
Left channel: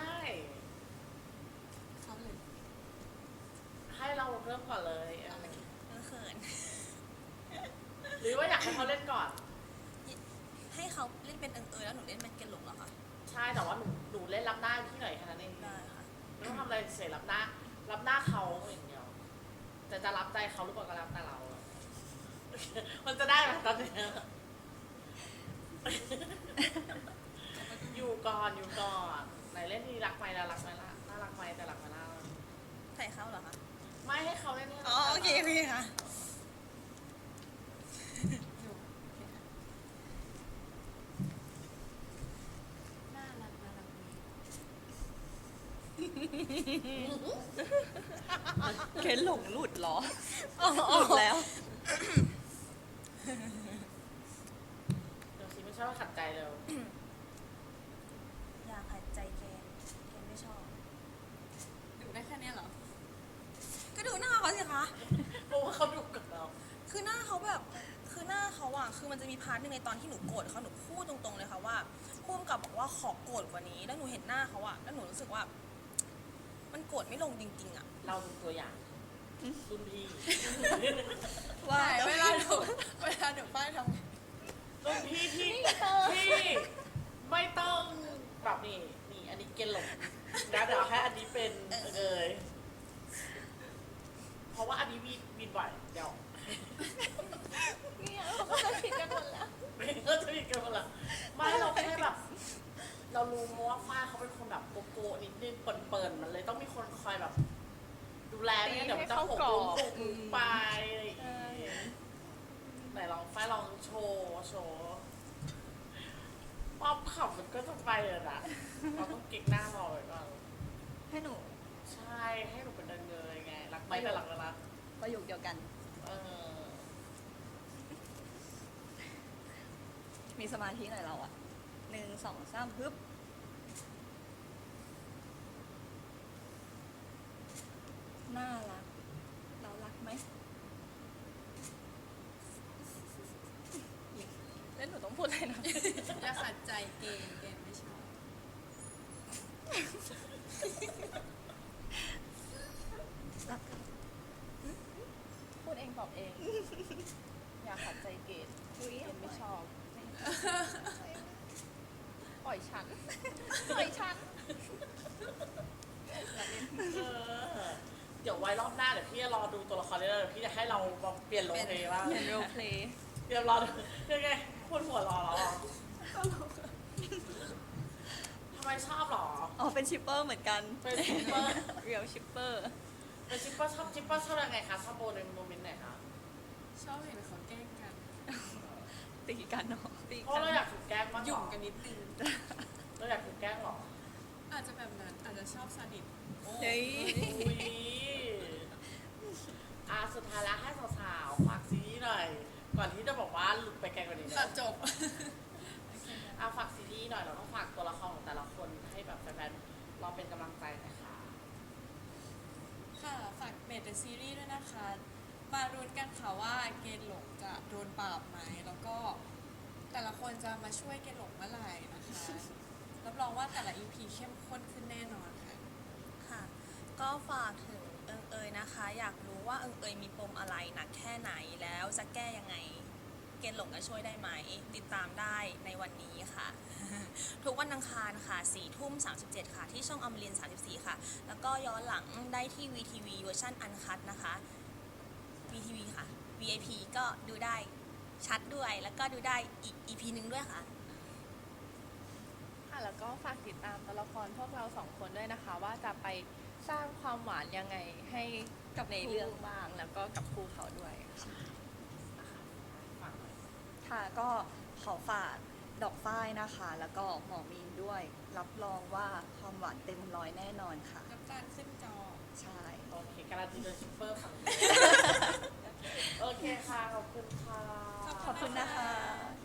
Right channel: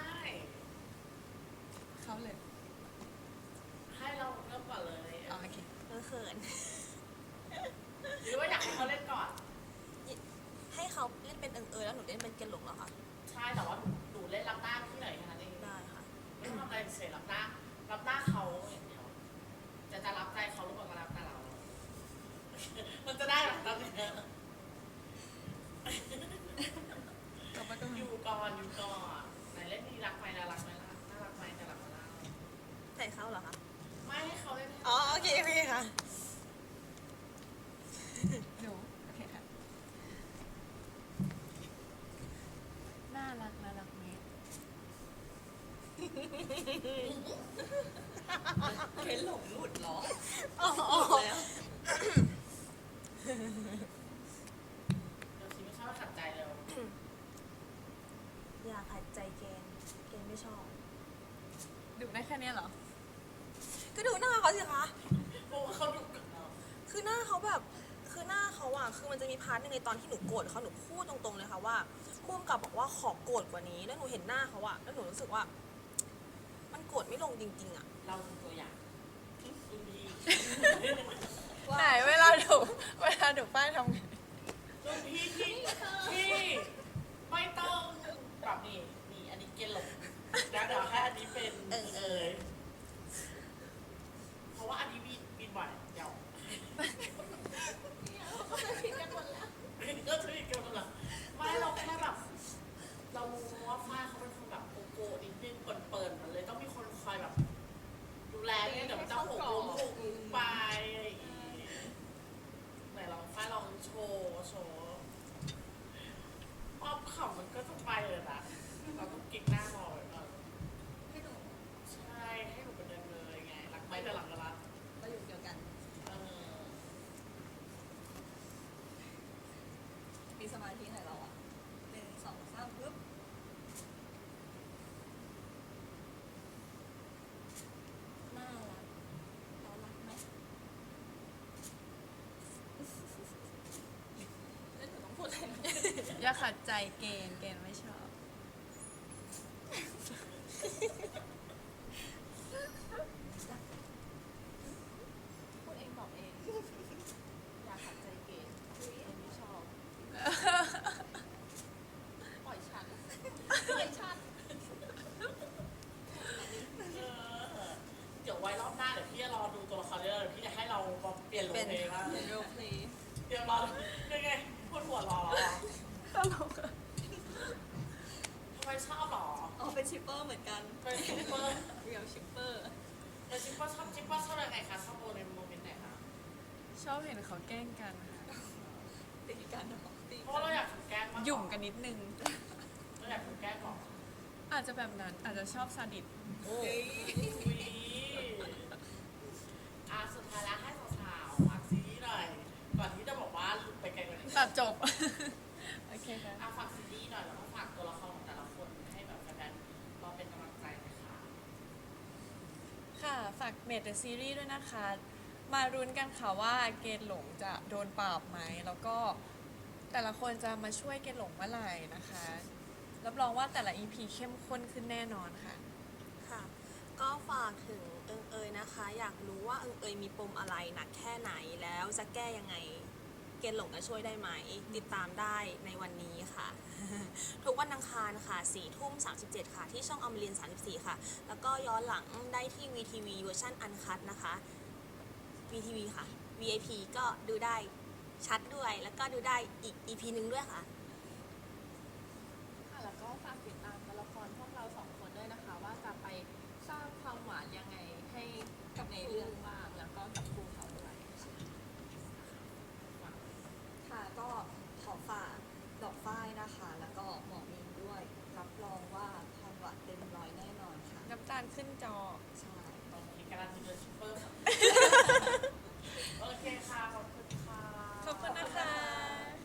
Speaker 1: เขาเลย
Speaker 5: ให้เราเริ่มก่อนเลย
Speaker 1: เอาโอเค
Speaker 2: เออเขิน
Speaker 5: หรือว่าอยากให้เขาเล่นก่อน
Speaker 2: ให้เขาเล่นเป็นเอิงเอยแล้วหนูเล่นเป็นเกณฑ์หลงเหรอคะ
Speaker 5: ใช่แต่ว่าหนูหนูเล่นรับหน้าพี่หน่อยแค่นั้นเอง
Speaker 2: ได้ค่ะ
Speaker 5: ไม่ต้องทำอะไรเฉยรับหน้า รับหน้าเขาอย่างเดียวแต่จะรับใจเขาหรือเปล่าก็รับแต่เรา มันจะได้ไหมตอนนี้
Speaker 1: กลับมาก็
Speaker 5: อยู่ก่อนอยู่ก่อนไหนเล่นนี่รักไหมแล้วรักไหมล่ะน่ารักไหมแต่รักไหมล่ะ
Speaker 2: ใส่เขาเหรอคะ
Speaker 5: ไม่ให้เขาเล่นให้
Speaker 2: อ๋อโอเคโอเคค่ะ
Speaker 1: หนูโอเคค่ะน่ารักน่ารักนี้
Speaker 4: เกณฑ์หลงหลุดเหรอ
Speaker 2: อ๋อ
Speaker 4: หลุดแล้ว
Speaker 5: เดี๋ยวคิดไม่ชอบว่าขัดใจเร็ว
Speaker 2: อย่าขัดใจเกณฑ์เกณฑ์ไม่ชอบ
Speaker 1: ดูได้แค่เนี้ยเหรอ
Speaker 2: ก็ดูหน้าเขาสิคะ
Speaker 5: เพราะว่าเขาดุกับเรา
Speaker 2: คือหน้าเขาแบบ คือหน้าเขาอะคือมันจะมีพาร์ทหนึงในตอนที่หนูโกรธเขาหนูพูดตรงๆเลยค่ะว่าพุ่มกับบอกว่าขอโกรธกว่านี้ แล้วหนูเห็นหน้าเขาอะแล้วหนูรู้สึกว่า มันโกรธไม่ลงจริงๆอะ
Speaker 5: เราเป็นตัวอย่างรุ่นพี่
Speaker 1: ไหนเวลาดูเวลาดูป้ายทำงาน
Speaker 5: รุ่นพี่ที่ที่ไม่ต้องแบบนี้นี่อันนี้เกณฑ์หลบนะเดี๋ยวให้อันนี้เป็นเออเอยเพราะว่าอันนี้มีบินไหวเดี๋ยว
Speaker 3: เนี่ยเขาก็จะผิดกันหมดแล้ว
Speaker 5: ก็จะมีกันหมดละไม่เราแค่แบบ เรารู้เพราะว่าฝ้ายเขาเป็นคนแบบโกโก้นิดนึงเปิดเปิดมันเลยต้องมีคนคอยแบบ ดูแลเนี่ยเดี๋ยวมันจะหกล้มหกล้มไปอะไรอย่างงี้ไหนลองฝ้ายลองโชว์โชว์ความขำมันก็จะไปเลยนะเราต้องเก็กหน้าเราไว้ก่อน
Speaker 4: ให้หนู
Speaker 5: ใช่ให้หนูเป็นเดินเงยไงรักไปแต่หลังก็รัก
Speaker 4: ประโยคเดียวกัน
Speaker 5: เออ
Speaker 4: มีสมาธิหน่อยเราอะหนึ่งสองสามปึ๊บน่ารัก เรารักไหม
Speaker 3: แล้วหนูต้องพูดอะไรนะ
Speaker 1: อย่าขัดใจเกณฑ์เกณฑ์ไม่ชอบ
Speaker 4: รัก
Speaker 3: พูดเองบอกเอง อย่าขัดใจเกณฑ์
Speaker 4: อุ้ย
Speaker 3: เก
Speaker 4: เอา
Speaker 3: ณฑ์
Speaker 4: ไม่
Speaker 3: ไม่
Speaker 4: ช
Speaker 3: ช
Speaker 4: อบ
Speaker 3: อบ ปล่อยฉัน ปล่อยฉัน
Speaker 5: เออเดี๋ยวไว้รอบหน้าเดี๋ยวพี่จะรอดูตัวละครเรื่องเดี๋ยวพี่จะให้เรามาเปลี่ยนโลเคว่า
Speaker 3: เป็นโรลเพลย์
Speaker 5: เดี๋ยวรอดูยังไงพูดหัวรอเหรอทำไมชอบเหรอ
Speaker 4: อ๋อ เป็นชิปเปอร์เหมือนกัน
Speaker 5: เป็นชิปเปอร์
Speaker 3: เรียลชิปเปอร์
Speaker 5: เป็นชิปเปอร์ชอบชิปเปอร์ชอบยังไงคะชอบโบในโมเมนต์ไหนคะ
Speaker 1: ชอบเห็นเขาแกล้งกัน
Speaker 4: ตีกันเนาะ
Speaker 3: ตี
Speaker 5: เพราะเราอยากถูกแกล้งมาก
Speaker 1: หยุ่มกันนิดนึง
Speaker 5: เราอยากถูกแกล้งเหรอ
Speaker 1: อาจจะแบบนั้นอาจจะชอบซาดิส
Speaker 5: โอ้
Speaker 4: เฮ้
Speaker 5: ย
Speaker 4: ย
Speaker 5: อ่ะสุดท้ายแล้วให้สาวๆฝากซีรีส์หน่อย ก่อนที่จะบอกว่าหลุดไปไกลกว่านี้
Speaker 1: ตั
Speaker 5: นะ
Speaker 1: ดจบ โอเคค่ะ
Speaker 5: อ่ะฝากซีรีส์หน่อยแล้วก็ฝากตัวละครของแต่ละคนให้แบบแฟนๆเราเป็นกำลังใจนะคะ
Speaker 1: ค่ะ ฝากเมดเดอะซีรีส์ด้วยนะคะ มารุ้นกันค่ะว่าเกณฑ์หลงจะโดนปราบไหม แล้วก็แต่ละคนจะมาช่วยเกณฑ์หลงเมื่อไหร่นะคะ รับรองว่าแต่ละ อี พี เข้มข้นขึ้นแน่นอนค่ะ
Speaker 2: ค่ะ ก็ฝากถึงเอิงเอยนะคะ อยากรู้ว่าเอิงเอยมีปมอะไรหนักแค่ไหนแล้วจะแก้ยังไง เกณฑ์หลงจะช่วยได้ไหม ติดตามได้ในวันนี้ค่ะ ทุกวันอังคารค่ะสี่ทุ่มสามสิบเจ็ดค่ะ ที่ช่องอมรินทร์สามสิบสี่ค่ะ แล้วก็ย้อนหลังได้ที่ วี ที วี เวอร์ชันอันคัตนะคะ วี ที วี ค่ะ วี ไอ พี ก็ดูได้ชัดด้วย แล้วก็ดูได้อีก อี พี หนึ่งด้วยค่ะ
Speaker 3: ค่ะแล้วก็ฝากติดตามตัวละครพวกเราสองคนด้วยนะคะ ว่าจะไปสร้างความหวานยังไงให้กับในเรื่องบ้าง แล้วก็กับครูเขาด้วยค่ะ
Speaker 5: นะคะฝากหน่อย
Speaker 4: ค่ะ ก็ขอฝากดอกฝ้ายนะคะ แล้วก็หมอมีนด้วย รับรองว่าความหวานเต็มร้อยแน่นอนค่ะ
Speaker 1: น้ำตาลขึ้นจอ
Speaker 4: ใช่
Speaker 5: โอเคการันตีโดยชิปเปอร์ฝั่งนี้ โอเคค่ะ ขอบคุณค่ะ
Speaker 1: ขอบ
Speaker 4: ขอบ
Speaker 1: คุ
Speaker 4: คุณ ณ
Speaker 1: นะ
Speaker 4: นะคะ คะ